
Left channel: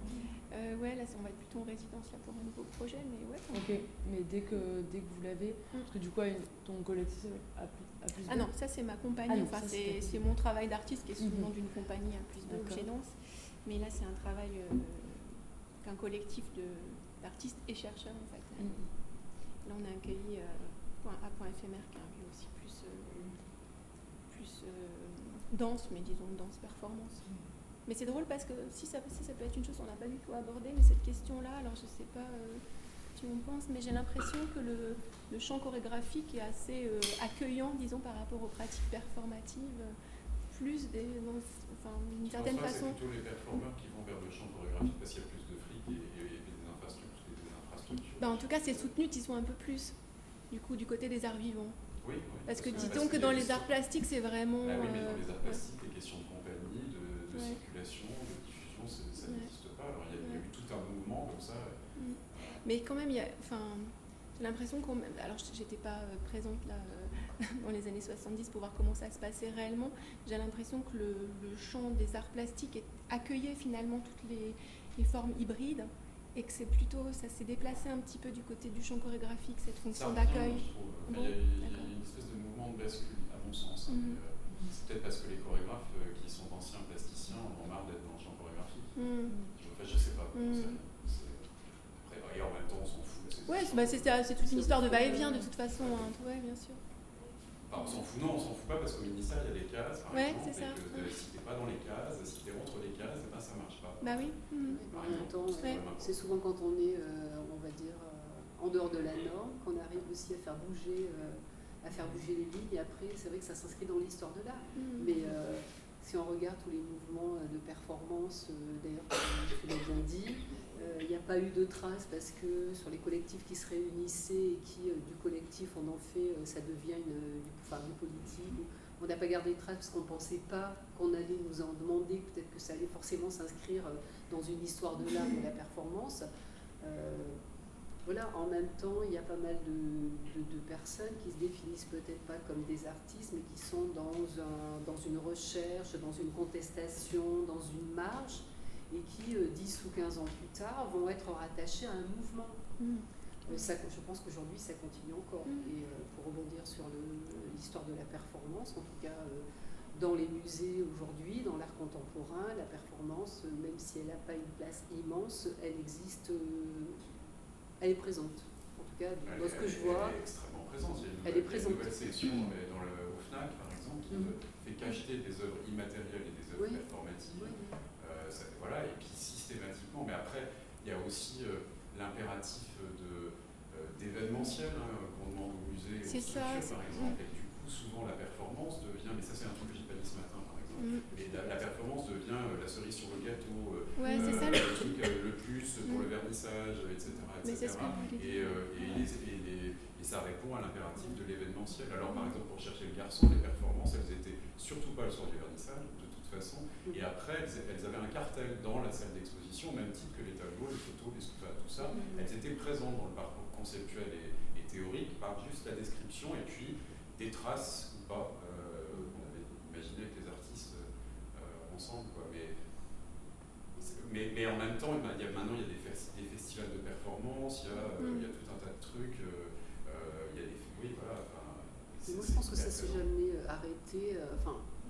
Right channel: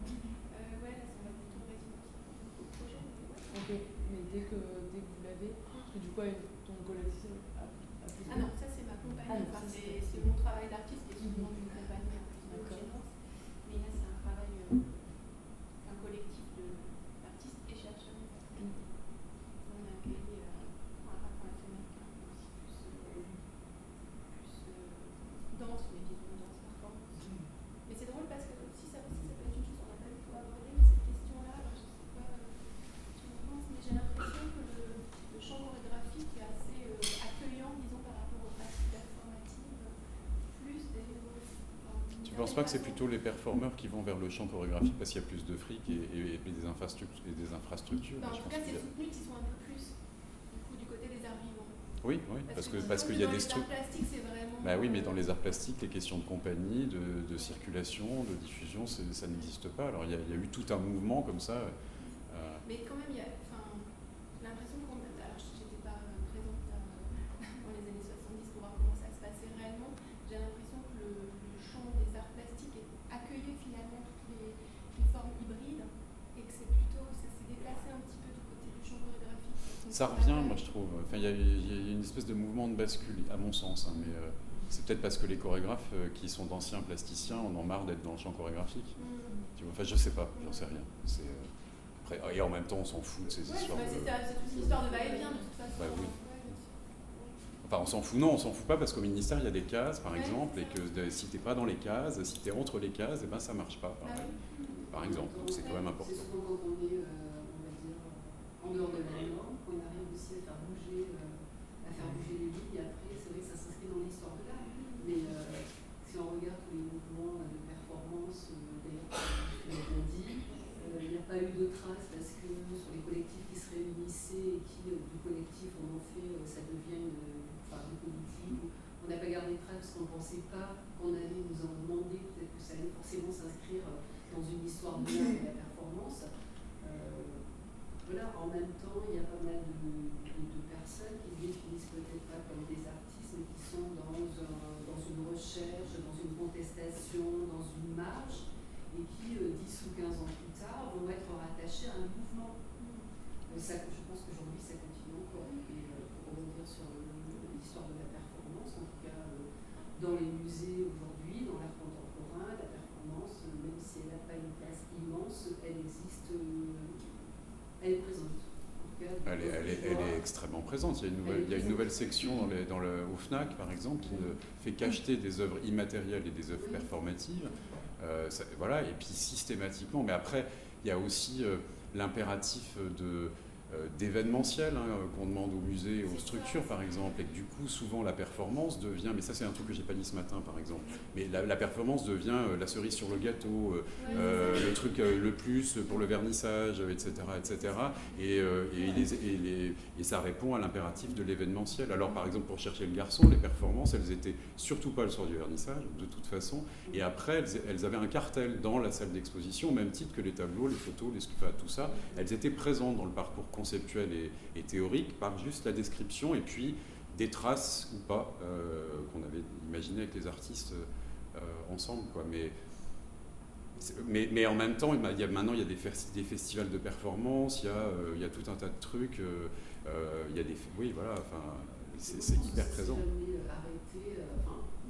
Ouais, là, on va être plutôt en résidence là, pour un nouveau projet, mais ouais. Ok, mais dès que vous l'avez, parce que du coup, ton collectif a plus Ah non, ça c'est ma compagnie, enfin, c'est mon travail d'artiste qui est sous le nom d'une compagnie à plus de gênance. Mais là, c'est un travail qu'un collectif d'artistes et chercheurs nous a créé. Là, on a accueilli A.éphémère, qui est un peu aussi plus danse, mais disons danse performance. Mais c'est drôle parce que si ça peut être une chose qu'on n'a pas du tout abordée, mais cette question-là, alors je sais pas tu en penses, mais j'ai l'impression que le champ chorégraphique est assez accueillant, disons, par rapport aux pratiques performatives, plus des... Je ne pense pas que c'est plutôt les performeurs qui vont vers le champ chorégraphique parce qu'il y a plus de fric et des infrastructures. En tout cas, c'est soutenu qu'ils sont un peu plus, du coup, du côté des arts vivants. Oui, parce que dans les arts plastiques, c'est vraiment... oui, mais dans les arts plastiques, les questions de compagnie, de circulation, de diffusion, ça n'existe pas. Alors, il y a eu tout un mouvement comme ça. Mais quand même, j'ai l'impression qu'on... Alors, je n'étais pas présente là dans les années 70 pour voir comment ça se passait réellement. J'ai l'impression que le champ des arts plastiques accueillait finalement toutes les formes hybrides. Et que c'est plutôt, ça s'est déplacé un petit peu du côté du champ chorégraphique. Ça revient, moi, je trouve. Enfin, il y a une espèce de mouvement de bascule, à mon sens. Hein, mais c'est peut-être parce que les chorégraphes qui sont d'anciens plasticiens en ont marre d'être dans le champ chorégraphique. Tu vois, enfin, je sais pas, j'en sais rien. Et en même temps, on s'en fout de ces histoires. C'est toute une histoire de va-et-vient de toute façon. Ouais, bien sûr. Enfin, on s'en fout, non, on s'en fout pas parce qu'au ministère, il y a des cases, par exemple, et que si t'es pas dans les cases, si t'es entre les cases, et ben ça marche pas. Bah oui. Par exemple, c'est quand même important. C'est souvent quand on est, on va dire, en dehors de la norme, qu'on arrive aussi à faire bouger les lignes, et après, c'est vrai que ça s'inscrit dans l'histoire de l'art. Mais si on regarde tous les mouvements de performance, d'ailleurs, comme tu l'as bien dit, il n'y a pas eu de traces parce que sur les collectifs qui se réunissaient et qui, du collectif, on en fait, ça devient une politique. On n'a pas gardé de traces parce qu'on ne pensait pas qu'on allait nous en demander, peut-être que ça allait forcément s'inscrire dans une histoire de l'art et de la performance. Voilà, voilà, en même temps, il y a pas mal de personnes qui se définissent peut-être pas comme des artistes, mais qui sont dans une recherche, dans une contestation, dans une marge, et qui, 10 ou 15 ans plus tard, vont être rattachés à un mouvement. Je pense qu'aujourd'hui, ça continue encore. Et pour rebondir sur l'histoire de la performance, en tout cas, dans les musées aujourd'hui, dans l'art contemporain, la performance, même si elle n'a pas une place immense, elle existe, elle est présente. En tout cas, elle est extrêmement présente. Il y a une nouvelle section au FNAC, par exemple, qui ne fait qu'acheter des œuvres immatérielles et des œuvres performatives. Voilà, et puis systématiquement. Mais après, il y a aussi l'impératif d'événementiel qu'on demande aux musées et aux structures, par exemple, et que du coup souvent la performance devient, mais ça c'est un truc que j'ai pas dit ce matin par exemple, mais la performance devient la cerise sur le gâteau, le truc le plus pour le vernissage, etc. Et ça répond à l'impératif de l'événementiel. Alors par exemple pour Chercher le garçon, les performances elles étaient surtout pas le soir du vernissage de toute façon, et après elles avaient un cartel dans la salle d'exposition au même titre que les tableaux, les photos, tout ça, elles étaient présentes dans le parcours conceptuel et théorique par juste la description et puis des traces ou pas qu'on avait imaginé avec les artistes ensemble, quoi. Mais en même temps, maintenant il y a des festivals de performance, il y a tout un tas de trucs, il y a des... Oui, voilà, enfin, c'est hyper présent. Ça s'est jamais arrêté.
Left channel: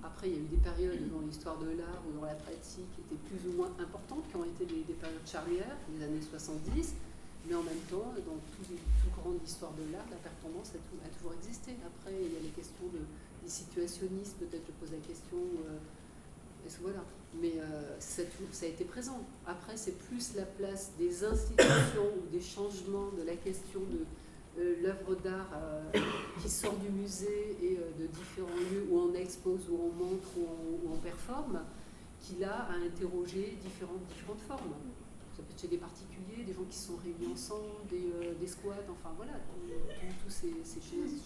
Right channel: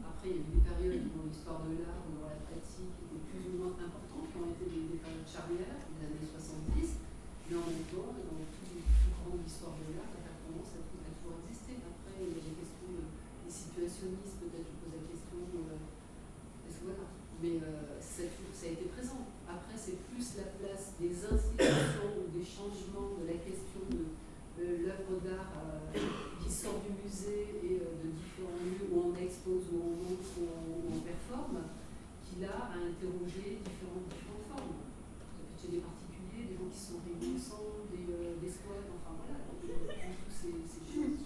Après, il y a eu des périodes dans l'histoire de l'art ou dans la pratique qui étaient plus ou moins importantes, qui ont été des périodes charnières, les années 70. Mais en même temps, dans tout courant de l'histoire de l'art, la performance a toujours existé. Après, il y a les questions des situationnistes, peut-être je pose la question, voilà. Mais ça a été présent. Après, c'est plus la place des institutions ou des changements de la question de l'œuvre d'art qui sort du musée et de différents lieux où on expose, où on montre, où on performe, qui là a interrogé différentes formes. Ça peut être chez des particuliers, des gens qui se sont réunis ensemble, des squats, enfin voilà, toutes ces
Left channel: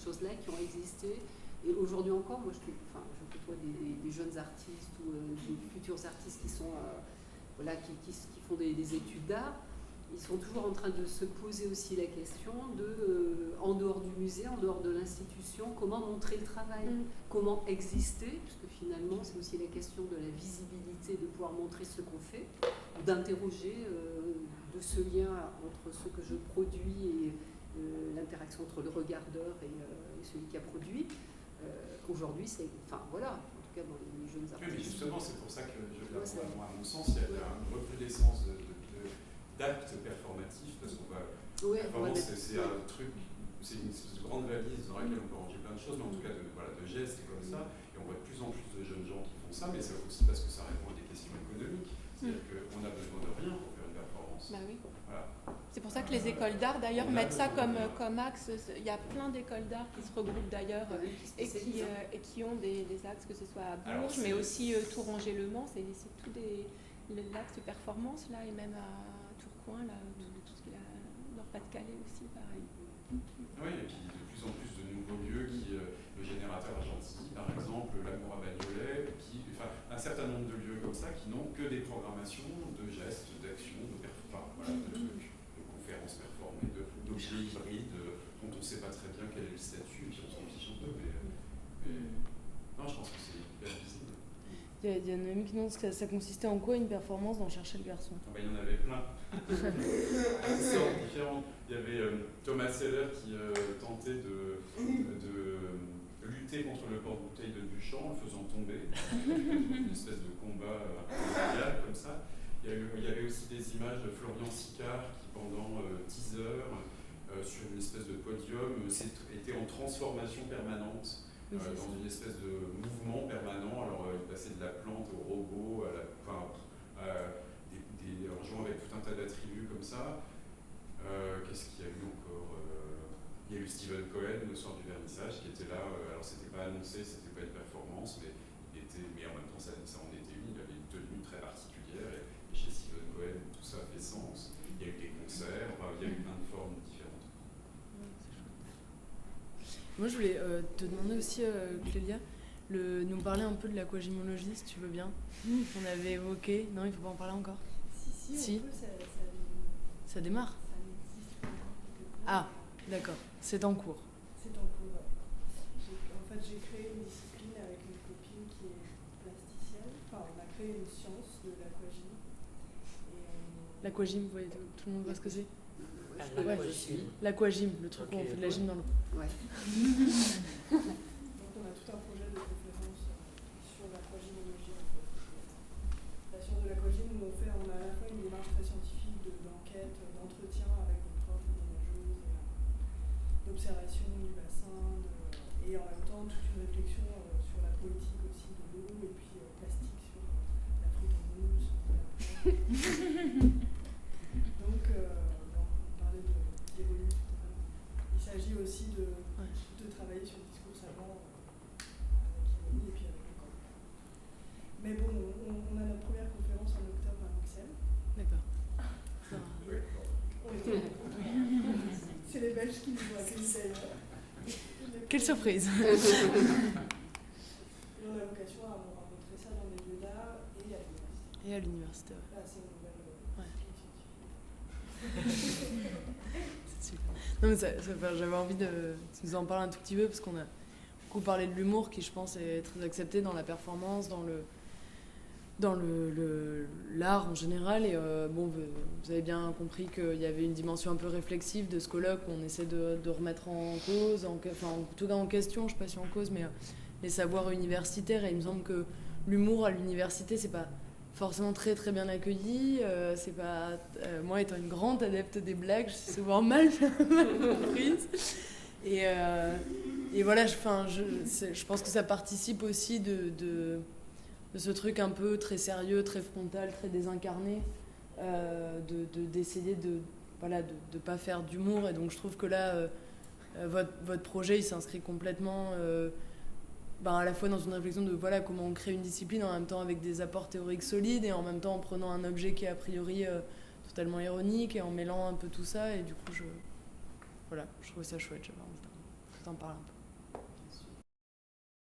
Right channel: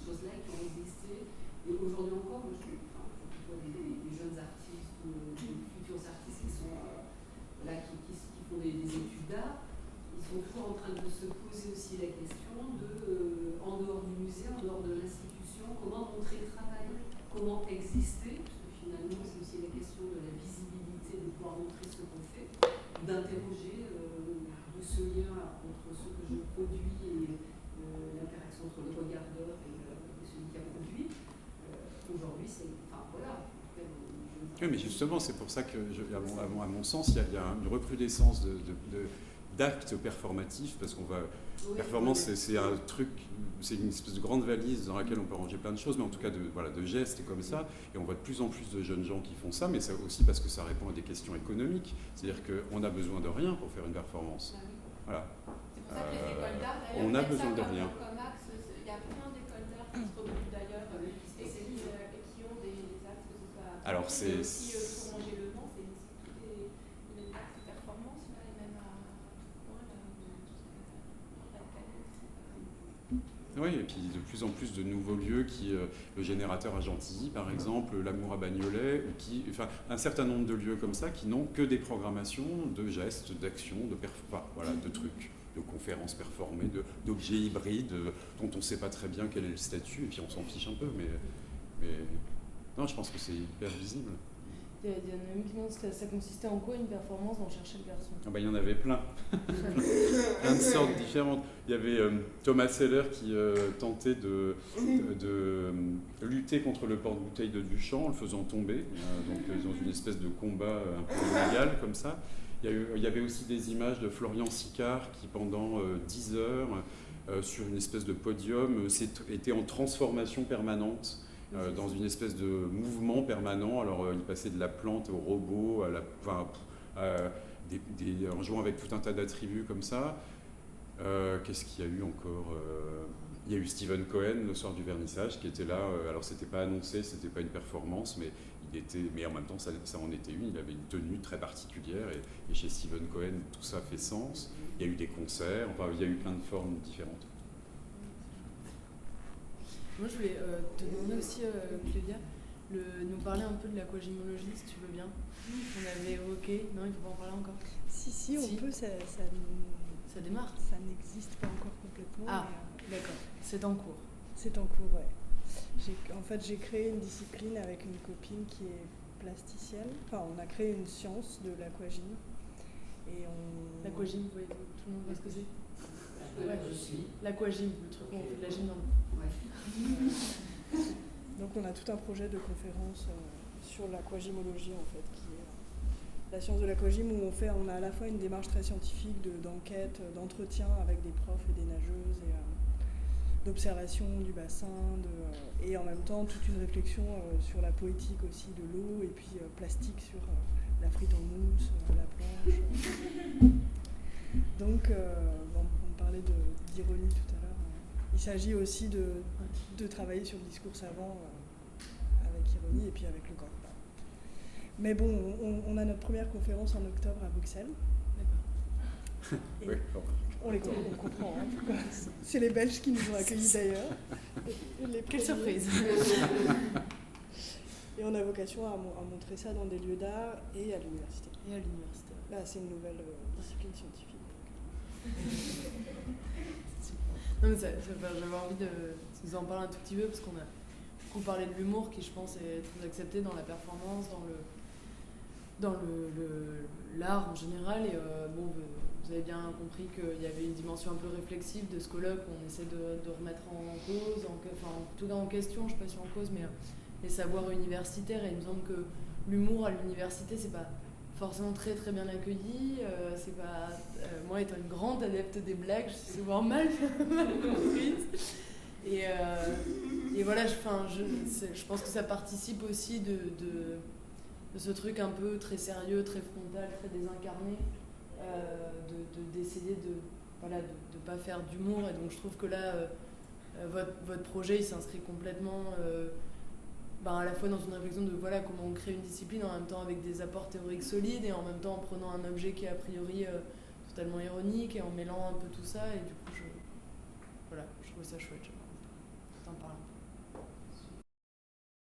choses-là qui ont existé. Et aujourd'hui encore, moi je côtoie des jeunes artistes ou des futurs artistes qui sont qui font des études d'art. Ils sont toujours en train de se poser aussi la question en dehors du musée, en dehors de l'institution, comment montrer le travail, comment exister, parce que finalement c'est aussi la question de la visibilité, de pouvoir montrer ce qu'on fait, d'interroger de ce lien entre ce que je produis et l'interaction entre le regardeur et celui qui a produit. Aujourd'hui, c'est... Enfin voilà, en tout cas dans les jeunes artistes. Oui, mais justement, c'est pour ça que, à mon sens, il y a une recrudescence d'actes performatifs, parce qu'on va... performance, c'est un truc, c'est une espèce de grande valise dans laquelle on peut ranger plein de choses, mais en tout cas de gestes et comme ça, et on voit de plus en plus de jeunes gens qui font ça, mais c'est aussi parce que ça répond à des questions économiques, c'est-à-dire qu'on a besoin de rien pour faire une performance. Bah oui. Voilà. C'est pour ça que les écoles d'art d'ailleurs mettent ça comme axe. Il y a plein d'écoles d'art qui se regroupent d'ailleurs et qui ont des axes, que ce soit à Bourges, mais aussi Tourangeau-le-Mans, c'est tous les axes de performance là, et même à Tourcoing, là, Nord-Pas-de-Calais aussi, pareil. Oui, et puis de plus en plus de nouveaux lieux, le Générateur à Gentilly par exemple, l'Amour à Bagnolet, un certain nombre de lieux comme ça qui n'ont que des programmations de gestes, d'actions, de trucs, de conférences performées, d'objets hybrides dont on ne sait pas très bien quel est le statut, et puis on s'en fiche un peu, mais non, je pense que c'est hyper visible. Il y en a une qui demande ça consistait en quoi une performance dans Chercher le garçon. Il y en avait plein. Plein de sortes différentes. Il y avait Thomas Seller qui tentait de lutter contre le porte-bouteille de Duchamp en le faisant tomber, dans une espèce de combat un peu illégal comme ça. Il y avait aussi des images de Florian Sicard qui pendant 10 heures sur une espèce de podium était en transformation permanente. Dans une espèce de mouvement permanent. Alors, il passait de la plante au robot, en jouant avec tout un tas d'attributs comme ça. Qu'est-ce qu'il y a eu encore Il y a eu Steven Cohen le soir du vernissage qui était là. Alors, c'était pas annoncé, c'était pas une performance, mais en même temps, ça en était une. Il avait une tenue très particulière et chez Steven Cohen, tout ça fait sens. Il y a eu des concerts, il y a eu plein de formes différentes. Moi, je voulais te demander aussi, Claudia, nous parler un peu de l'aquagémologie, si tu veux bien. On avait évoqué... Non, il ne faut pas en parler encore. Si, on peut, ça démarre. Ça n'existe pas encore complètement. Ah, d'accord. C'est en cours. C'est en cours, ouais. En fait, j'ai créé une discipline avec une copine qui est plasticienne. Enfin, on a créé une science de l'aquagym. L'aquagym, vous voyez, tout le monde voit ce que c'est? Ouais. L'aquagym, le truc où on Ok, fait de la gym dans le... Ouais. Donc on a tout un projet de conférence sur l'aquagymologie en fait, qui est la science de l'aquagym où on a à la fois une démarche très scientifique d'enquête, d'entretien avec des profs et des nageuses et d'observation du bassin et en même temps toute une réflexion sur la poétique aussi de l'eau et puis plastique sur la frite en mousse, la planche. Donc on parlait d'ironie tout à l'heure. Il s'agit aussi de travailler sur le discours savant avec ironie et puis avec le corps. Mais bon, on a notre première conférence en octobre à Bruxelles. D'accord. Oui, On les comprend. Hein. C'est les Belges qui nous ont accueillis d'ailleurs. Quelle surprise. Et on a vocation à montrer ça dans des lieux d'art et à l'université. Et à l'université. Là, c'est une nouvelle discipline scientifique. Non, mais j'avais envie de nous en parler un tout petit peu parce qu'on a beaucoup parlé de l'humour qui, je pense, est très accepté dans la performance, dans l'art en général. Et bon, vous avez bien compris qu'il y avait une dimension un peu réflexive de ce colloque où on essaie de remettre en cause, enfin, en tout cas en question, je ne sais pas si en cause, mais les savoirs universitaires. Et il me semble que l'humour à l'université, c'est pas forcément très très bien accueilli. C'est pas moi étant une grande adepte des blagues, je suis souvent mal comprise. Et voilà, je pense que ça participe aussi de ce truc un peu très sérieux, très frontal, très désincarné, d'essayer de pas faire d'humour. Et donc je trouve que là, votre projet, il s'inscrit complètement à la fois dans une réflexion de comment on crée une discipline en même temps avec des apports théoriques solides et en même temps en prenant un objet qui est a priori totalement ironique et en mêlant un peu tout ça. Et du coup, je trouvais ça chouette. J'avais envie de t'en parler un peu.